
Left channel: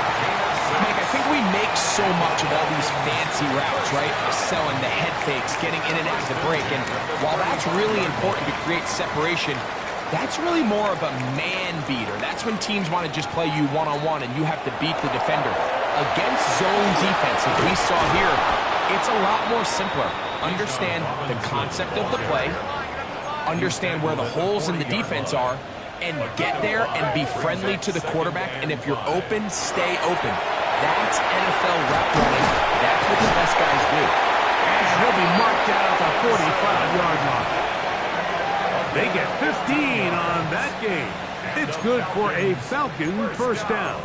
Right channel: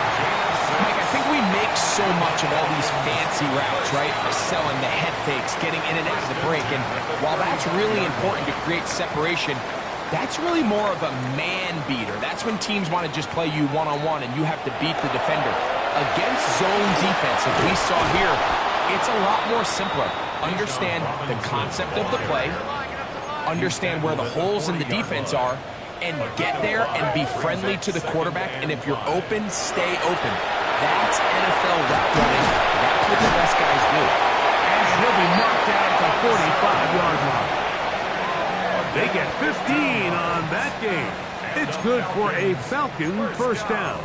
Mike, I think we make so much of all these fancy routes, right? Selling the head fakes, getting in and out of the break. And while that's really important to create separation, that's really more of a man beater. That's when teams want to just play you one-on-one and you have to beat the defender. Against zone defense, as we saw here, it's a lot more simpler. Understand the concept of the play, understand where the holes in the defense are, and get there and be friendly to the quarterback. And if you're open, stay open. That's NFL route running. That's what the best guys do. And he'll be marked down at the 45-yard line. They get 15 on that game. It's good for a Falcon first down.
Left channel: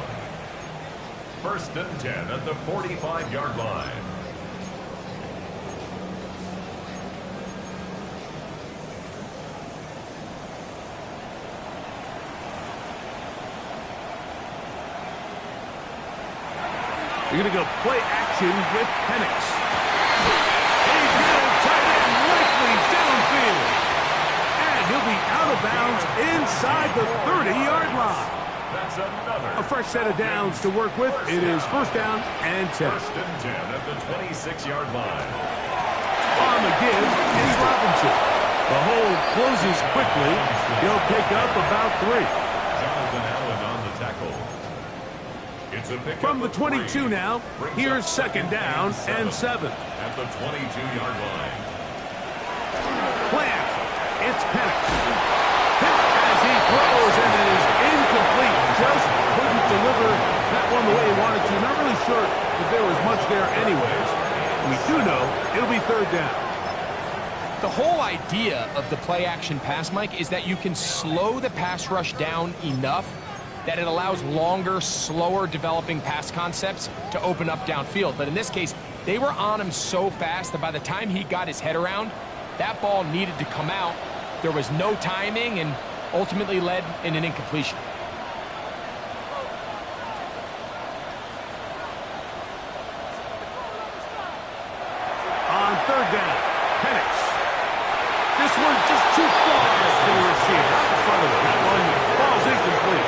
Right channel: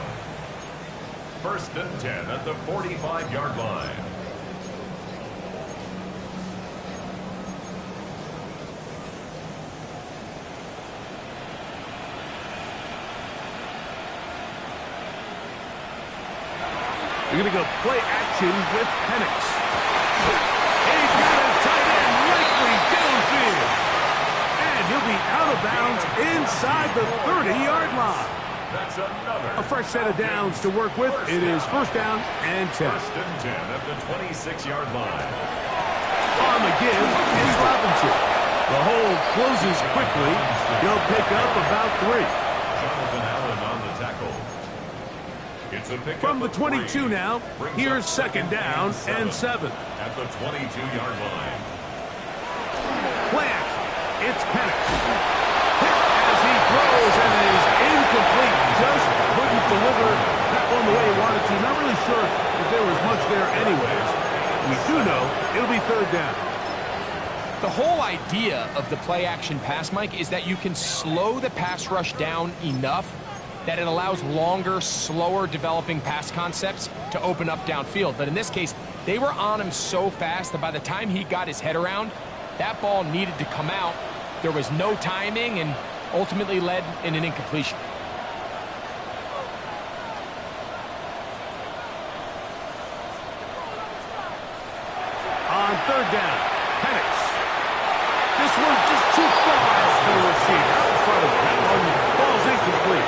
1st and 10 at the 45-yard line. They're going to go play action with Penix. He's got a tight end likely downfield. And he'll be out of bounds inside the 30-yard line. That's another. A fresh set of downs to work with. It is first down and 10. 1st and 10 at the 26-yard line. On the give is Robinson. The hole closes quickly. He'll pick up about 3. Jonathan Allen on the tackle. It's a pick From the 22 now, here's second down and 7. At the 22-yard line. Play action. It's Penix. Hit as he throws and is incomplete. Just couldn't deliver that one the way he wanted to. Not really sure if there was much there anyways. We do know it'll be third down. The whole idea of the play action pass, Mike, is that you can slow the pass rush down enough that it allows longer, slower developing pass concepts to open up downfield. But in this case, they were on him so fast that by the time he got his head around, that ball needed to come out. There was no timing and ultimately led in an incompletion. On third down, Penix. This one just too far for the receiver. Out in front of it. That one falls incomplete.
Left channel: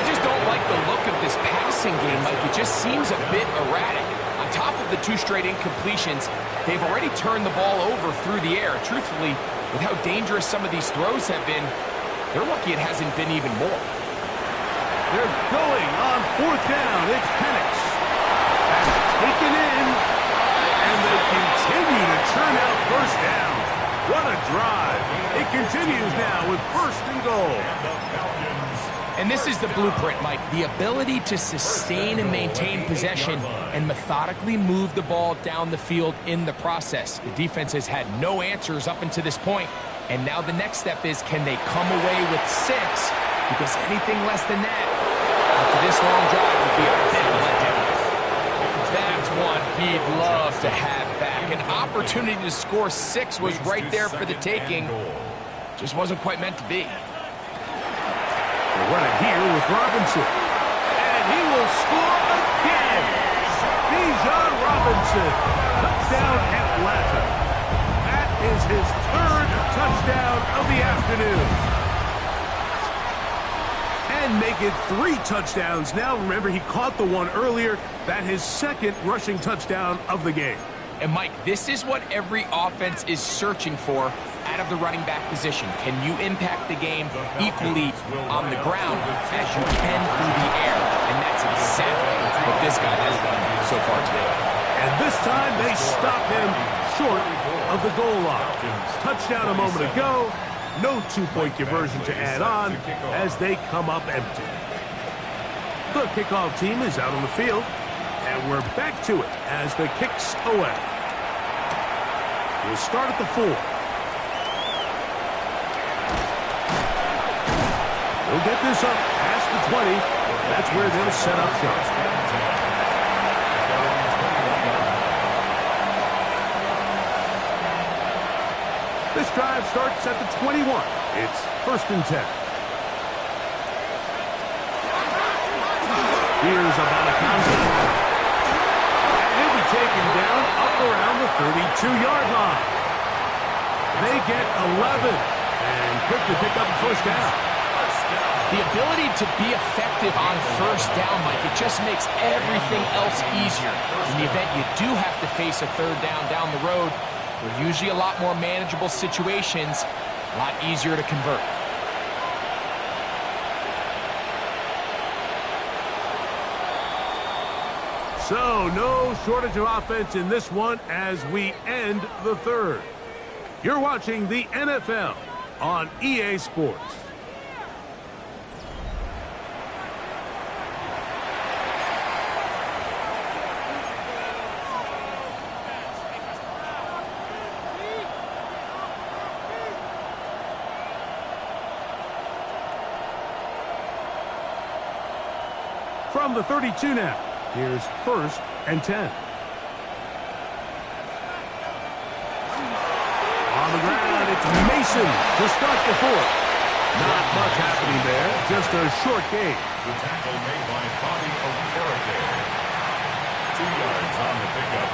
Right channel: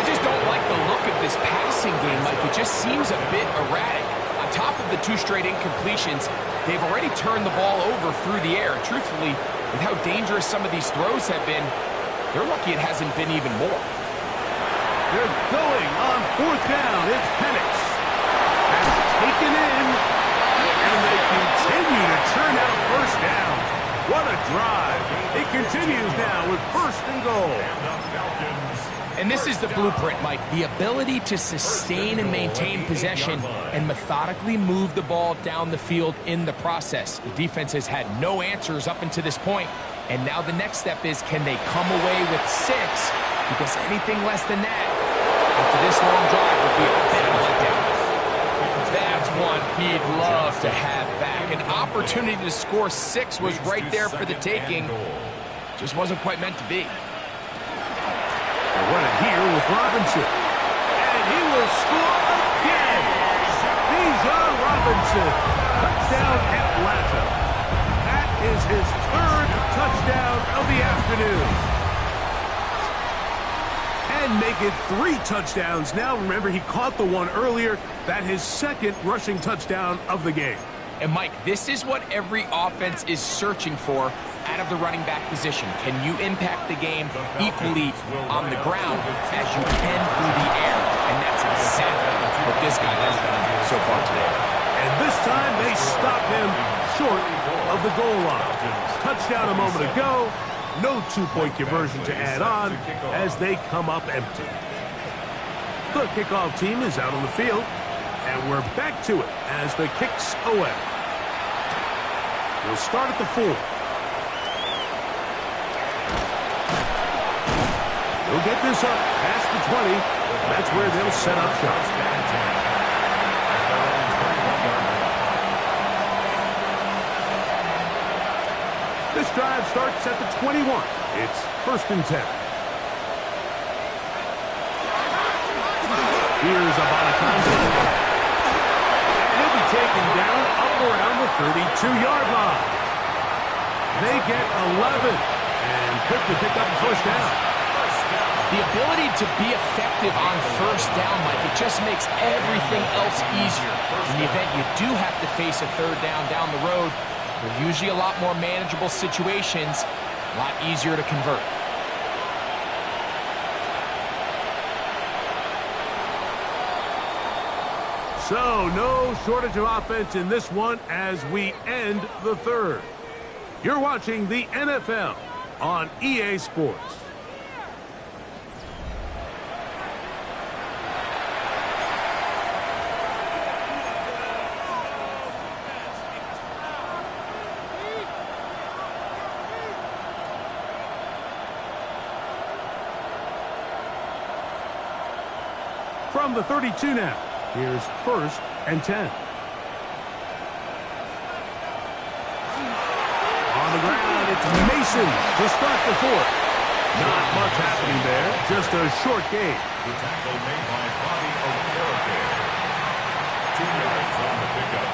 I just don't like the look of this passing game, Mike. It just seems a bit erratic. On top of the 2 straight incompletions, they've already turned the ball over through the air. Truthfully, with how dangerous some of these throws have been, they're lucky it hasn't been even more. They're going on 4th down. It's Penix. That's taken in, and they continue to churn out first downs. What a drive. It continues now with 1st and goal. And the Falcons. And this is the blueprint, Mike. The ability to sustain and maintain possession and methodically move the ball down the field in the process. The defense has had no answers up until this point. And now the next step is, can they come away with 6? Because anything less than that, after this long drive, would be a bit of a letdown. That's one he'd love to have back. An opportunity to score 6 was right there for the taking. Just wasn't quite meant to be. They run it here with Robinson. And he will score again. Bijan Robinson. Touchdown Atlanta. That is his 3rd touchdown of the afternoon. And make it 3 touchdowns now. Remember, he caught the one earlier. That's his 2nd rushing touchdown of the game. And Mike, this is what every offense is searching for out of the running back position. Can you impact the game equally on the ground as you can through the air? And that's exactly what this guy has done so far today. And this time they stop him short of the goal line. Touchdown a moment ago. No 2-point conversion to add on as they come up empty. The kickoff team is out on the field. And we're back to it as the kick's away. We'll start at the 4. They'll get this up past the 20. That's where they'll set up shop. This drive starts at the 21. It's 1st and 10. Here's Abanikanda. And he'll be taken down up around the 32-yard line. They get 11 and quickly pick up a 1st down. The ability to be effective on 1st down, Mike, it just makes everything else easier. In the event you do have to face a 3rd down the road, they're usually a lot more manageable situations, a lot easier to convert. So, no shortage of offense in this one as we end the 3rd. You're watching the NFL on EA Sports. From the 32 now, here's 1st and 10. On the ground, it's Mason to start the 4th. Not much happening there, just a short gain. The tackle made by Bobby Okereke. 2 yards on the pickup.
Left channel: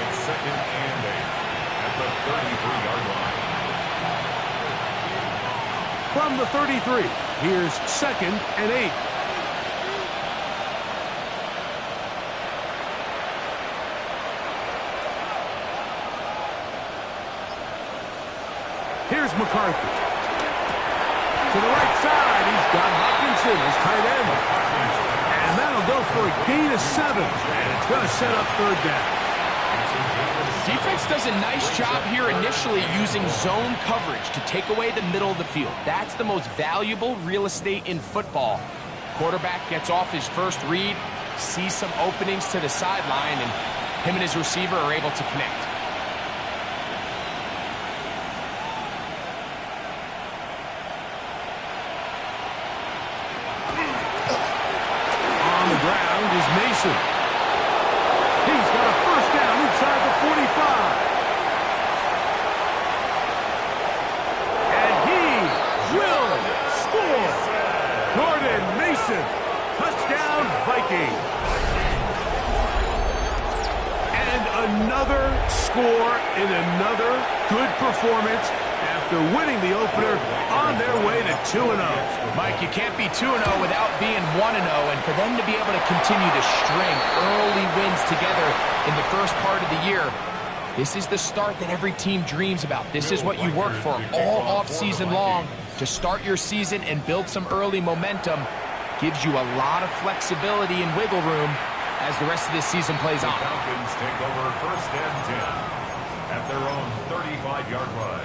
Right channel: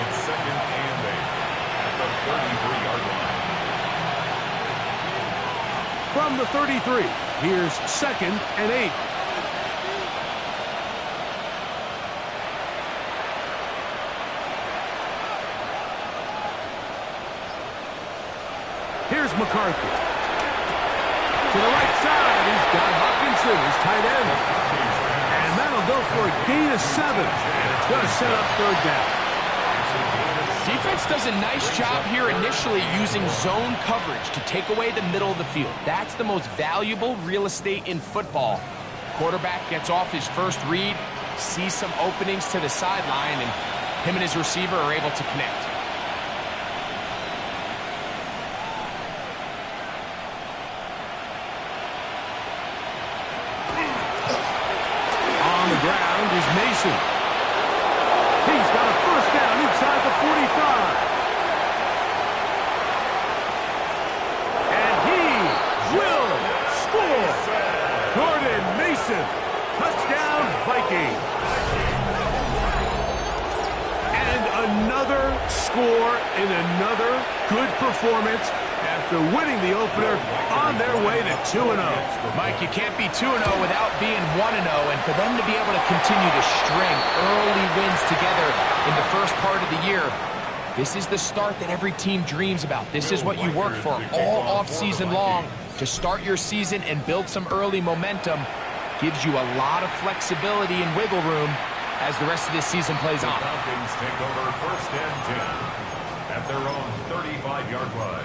It's 2nd and 8 at the 33-yard line. From the 33, here's 2nd and 8. Here's McCarthy. To the right side, he's got Hopkinson, his tight end. And that'll go for a gain of 7. And it's going to set up 3rd down. Defense does a nice job here initially using zone coverage to take away the middle of the field. That's the most valuable real estate in football. Quarterback gets off his first read, sees some openings to the sideline, and him and his receiver are able to connect. Ground is Mason. He's got a 1st down inside the 45. And he will score. Jordan Mason. Touchdown Vikings. And another score in another good performance after winning the opener on their way to 2-0. Mike, you can't be 2-0 without being 1-0, and for them to be able to continue to string early wins together in the first part of the year, this is the start that every team dreams about. This is what you work for all off-season long, to start your season and build some early momentum. Gives you a lot of flexibility and wiggle room as the rest of this season plays on. The Falcons take over 1st and 10 at their own 35-yard line.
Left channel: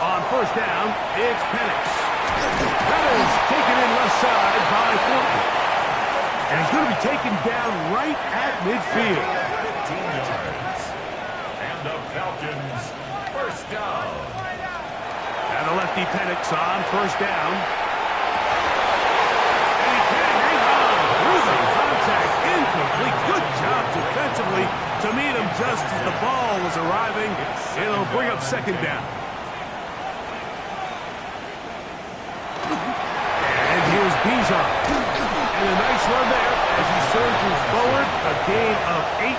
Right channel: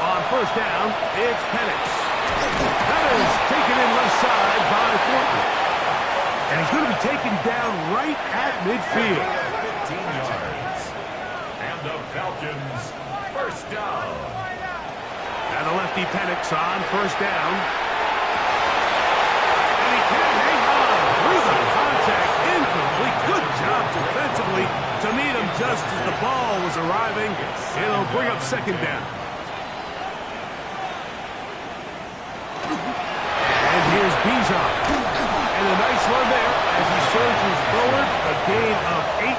On 1st down, it's Penix. That is taken in left side by Thornton. And he's going to be taken down right at midfield. 15 yards. And the Falcons 1st down. And the lefty Penix on 1st down. And he can hang on through the contact. Incomplete. Good job defensively to meet him just as the ball was arriving. It'll bring up 2nd down. And here's Bijan. And a nice run there as he surges forward. A gain of 8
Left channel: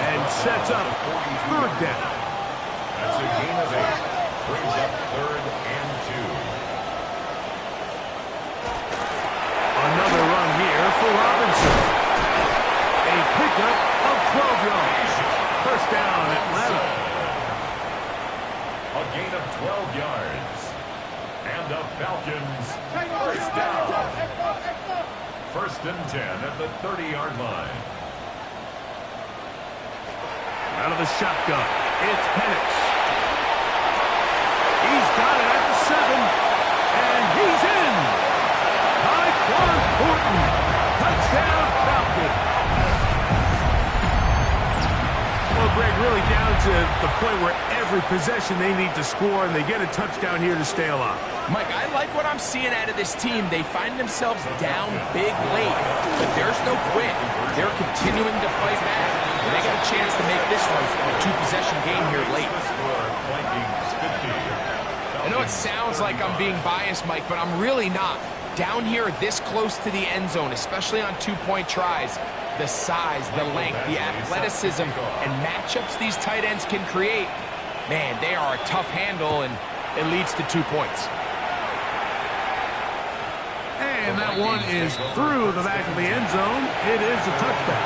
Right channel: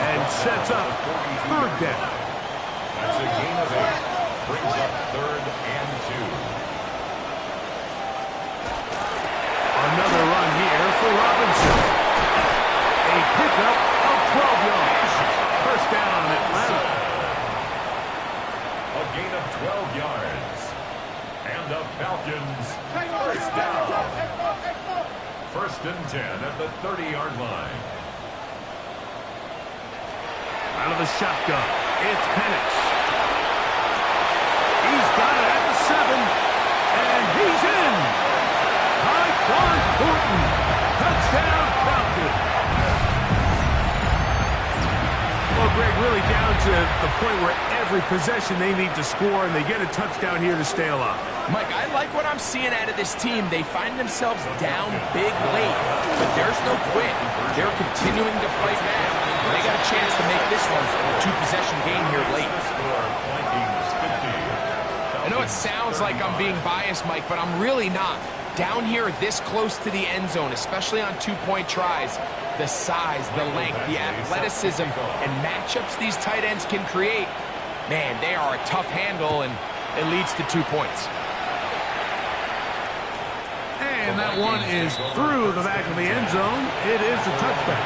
and sets up 3rd down. That's a gain of 8. Brings up 3rd and 2. Another run here for Robinson. A pickup of 12 yards. 1st down, Atlanta. A gain of 12 yards. And the Falcons 1st down. 1st and 10 at the 30-yard line. Out of the shotgun, it's Penix. He's got it at the 7, and he's in. Tyquan Thornton, touchdown Falcons. Well, Greg, really down to the point where every possession they need to score, and they get a touchdown here to stay alive. Mike, I like what I'm seeing out of this team. They find themselves down big late, but there's no quit. They're continuing to fight back. And they got a chance to make this one a two-possession game here late. I know it sounds like I'm being biased, Mike, but I'm really not. Down here this close to the end zone, especially on two-point tries, the size, the length, the athleticism, and matchups these tight ends can create, man, they are a tough handle, and it leads to 2 points. And that one is through the back of the end zone. It is a touchback.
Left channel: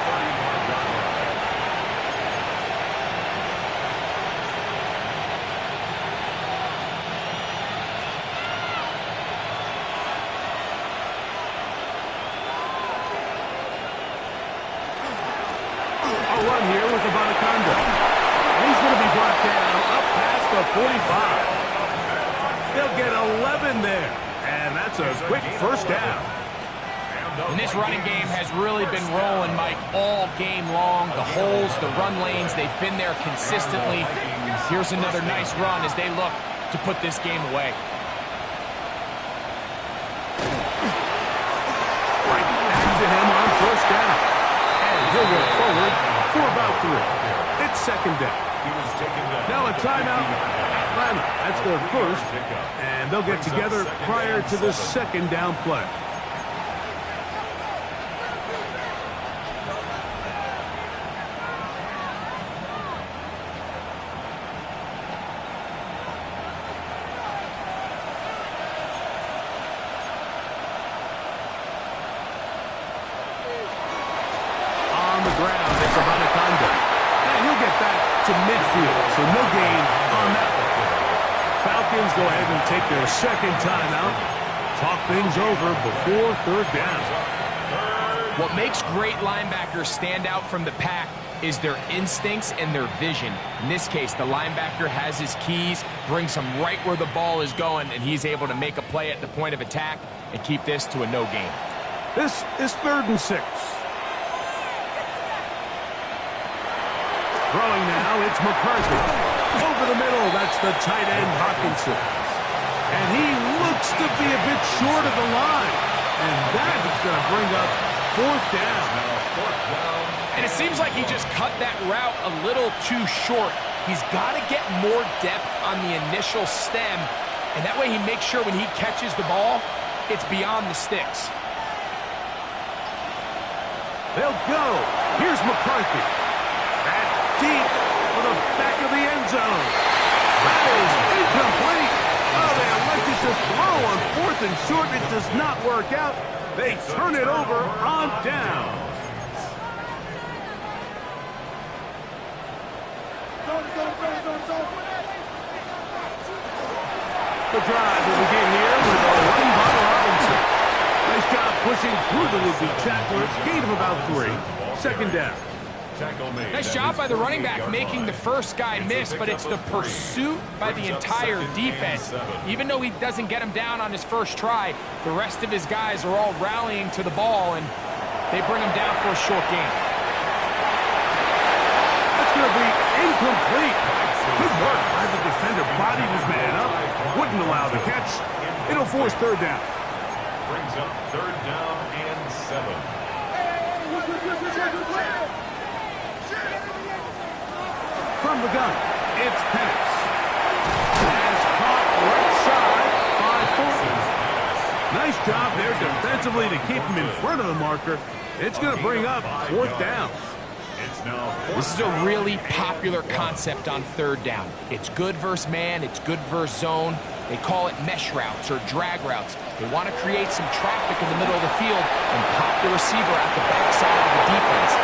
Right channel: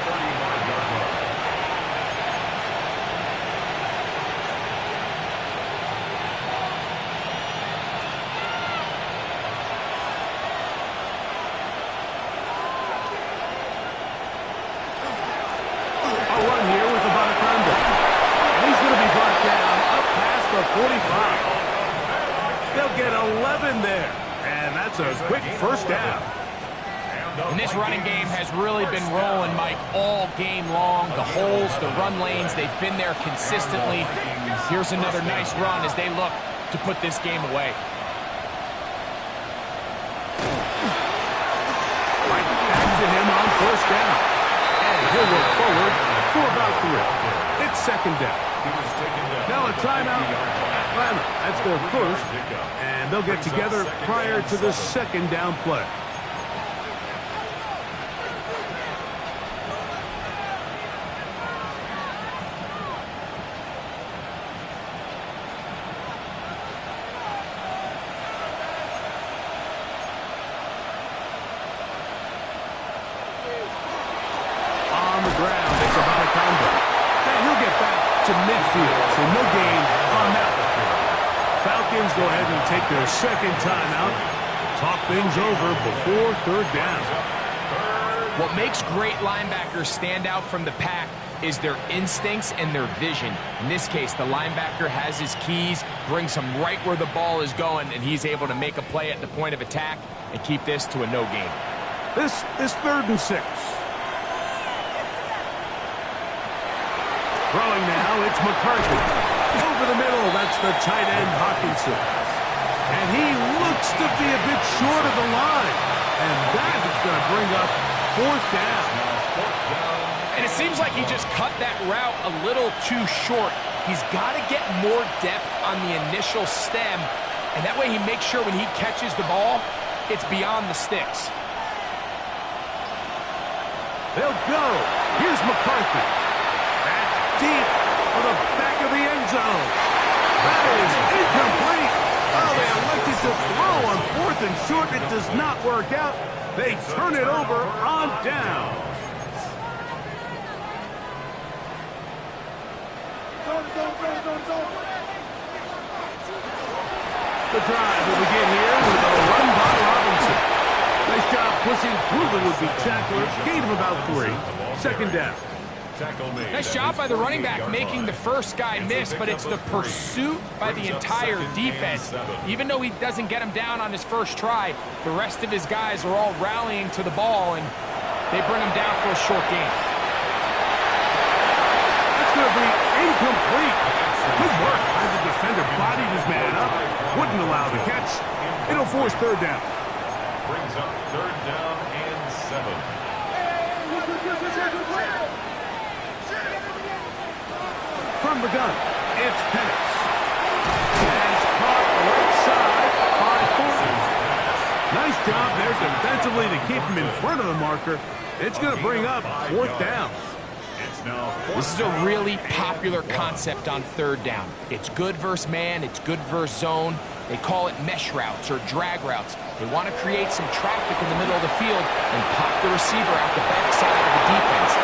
A run here with Abanaconda. And he's going to be brought down up past the 45. They'll get 11 there. And that's a quick first down. And this running game has really been rolling, Mike, all game long. The holes, the run lanes, they've been there consistently. Here's another nice run as they look to put this game away. Right back to him on first down. And he'll work forward for about 3. It's second down. Now a timeout, Atlanta. That's their first, and they'll get together prior to the second down play. On the ground, it's Abanaconda. And he'll get back to midfield, so no gain on that one. Falcons go ahead and take their second timeout. Talk things over before third down. What makes great linebackers stand out from the pack is their instincts and their vision. In this case, the linebacker has his keys, brings him right where the ball is going, and he's able to make a play at the point of attack and keep this to a no gain. This is 3rd and 6. Throwing now, it's McCarthy. Over the middle, that's the tight end, Hawkinson. And he looks to be a bit short of the line. And that is going to bring up 4th down. And it seems like he just cut that route a little too short. He's got to get more depth on the initial stem. And that way he makes sure when he catches the ball, it's beyond the sticks. They'll go. Here's McCarthy. That's deep for the back of the end zone. That is incomplete. Oh, they elected to throw on 4th and short. It does not work out. They turn it over on down. The drive will begin here with a run by Robinson. Nice job pushing through the would-be tackler. Gain of about 3. Second down. Nice job by the running back making the first guy miss, but it's the pursuit by the entire defense. Even though he doesn't get him down on his first try, the rest of his guys are all rallying to the ball, and they bring him down for a short gain. That's going to be incomplete. Good work by the defender. Bodied his man up. Wouldn't allow the catch. It'll force third down. Brings up 3rd down and 7. From the gun, it's Penix. And it's caught right side by Thornton. Nice job there defensively to keep him in front of the marker. It's going to bring up 4th down. This is a really popular concept on 3rd down. It's good versus man, it's good versus zone. They call it mesh routes or drag routes. They want to create some traffic in the middle of the field and pop the receiver out the backside of the defense.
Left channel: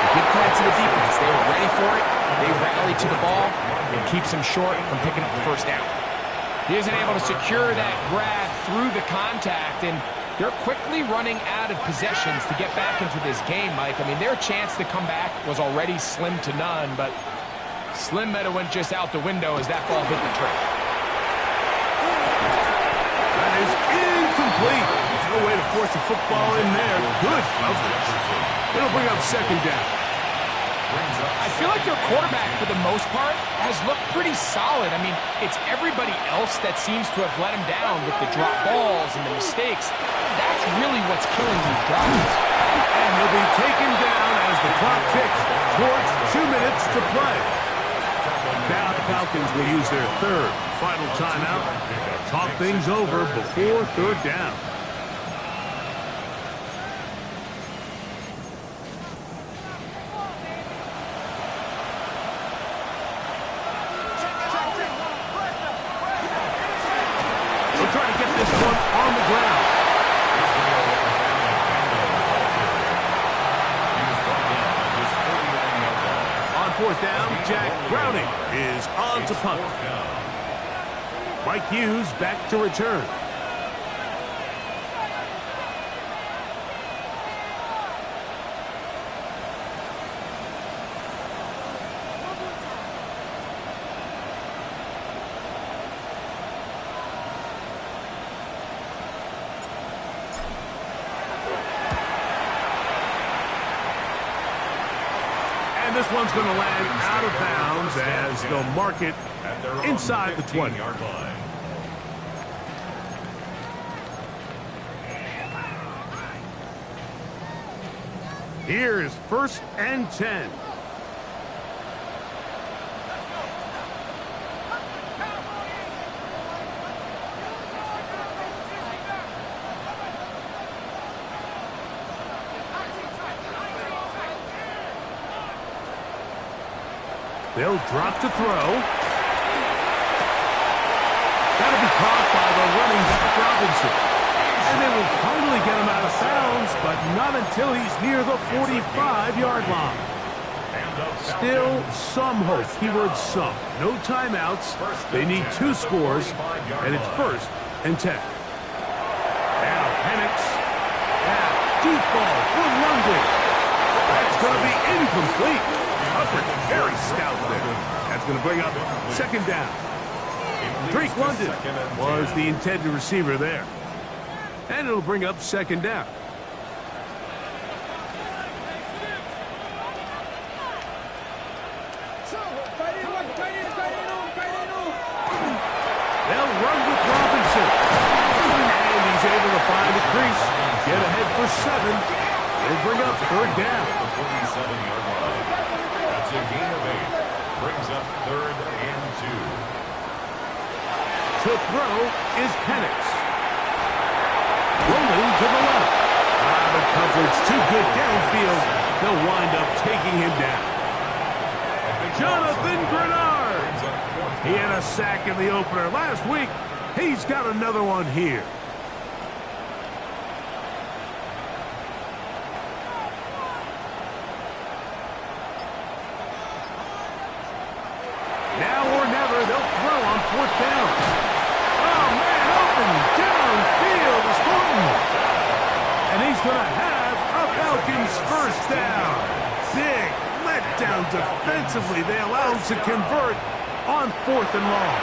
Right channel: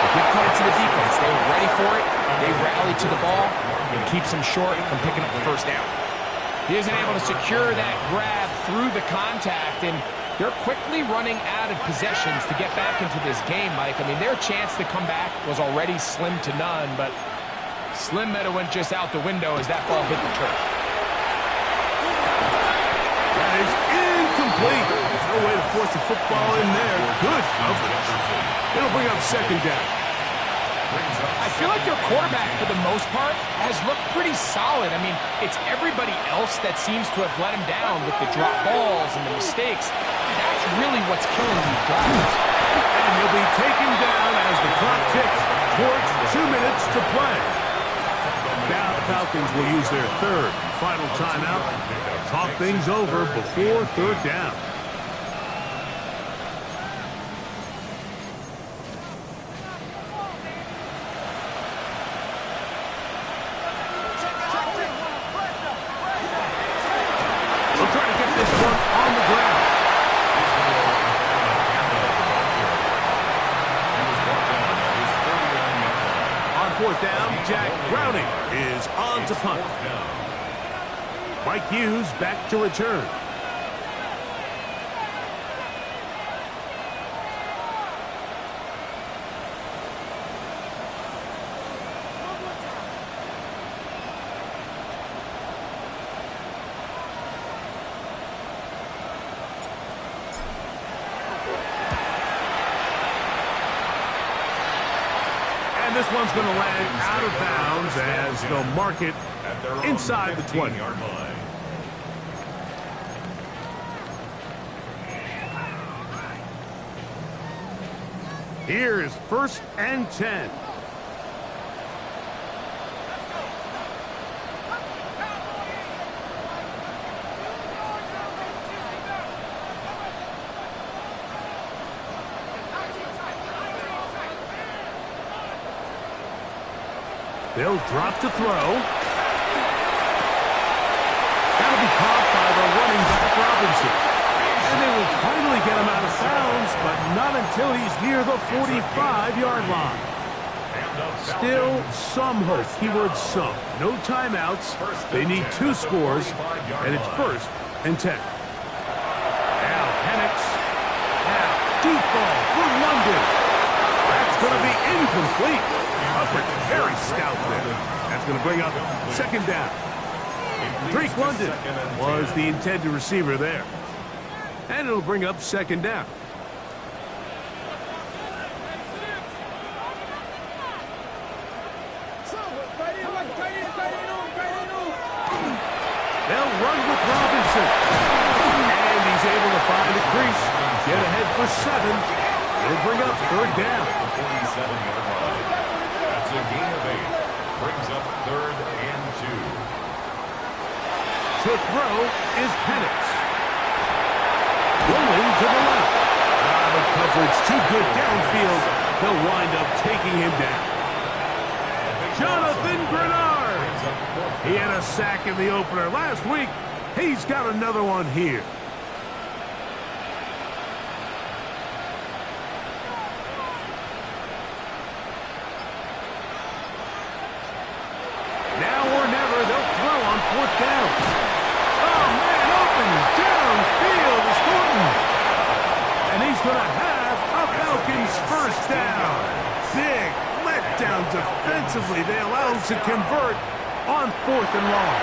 They give credit to the defense. They were ready for it. They rallied to the ball and keeps him short from picking up the first down. He isn't able to secure that grab through the contact, and they're quickly running out of possessions to get back into this game, Mike. I mean, their chance to come back was already slim to none, but slim might have went just out the window as that ball hit the turf. That is incomplete. There's no way to force the football in there. Good coverage. It'll bring up second down. I feel like their quarterback, for the most part, has looked pretty solid. I mean, it's everybody else that seems to have let him down with the drop balls and the mistakes. That's really what's killing these drives. And he'll be taken down as the clock ticks towards 2 minutes to play. Now the Falcons will use their third and final timeout. Talk things over before third down. They'll try to get this one on the ground. On fourth down, Jack Browning is on to punt. Mike Hughes back to return. And this one's going to land out of bounds as they'll mark it inside the 20-yard line. Here is 1st and 10. They'll drop to throw. That'll be caught by the running back Robinson. And they will finally get him out of bounds, but not until he's near the 45-yard line. Still some hope. Keyword some. No timeouts. They need 2 scores, and it's 1st and 10. Now Penix. Now deep ball for London. That's going to be incomplete. Hubbard, very stout there. That's going to bring up 2nd down. Drake London was the intended receiver there. And it'll bring up 2nd down. They'll run with Robinson. And he's able to find a crease. Get ahead for 7. It'll bring up 3rd down. That's a gain of 8. Brings up 3rd and 2. To throw is Penix. Rolling to the left. The coverage too good downfield. They'll wind up taking him down. Jonathan Grenard. He had a sack in the opener last week. He's got another one here. Now or never, they'll throw on 4th down. Oh, man, open downfield is Thornton. And he's going to have a Falcons 1st down. Big letdown defensively. They allow him to convert on 4th and long.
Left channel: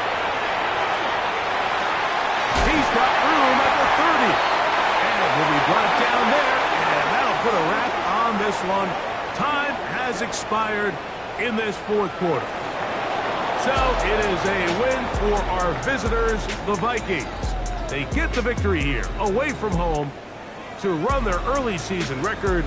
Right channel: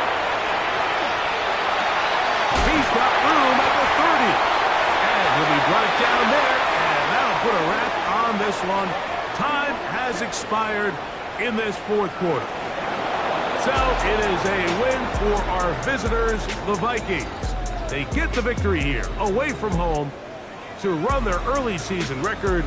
He's got room at the 30. And he'll be brought down there. And that'll put a wrap on this one. Time has expired in this 4th quarter. So it is a win for our visitors, the Vikings. They get the victory here, away from home, to run their early season record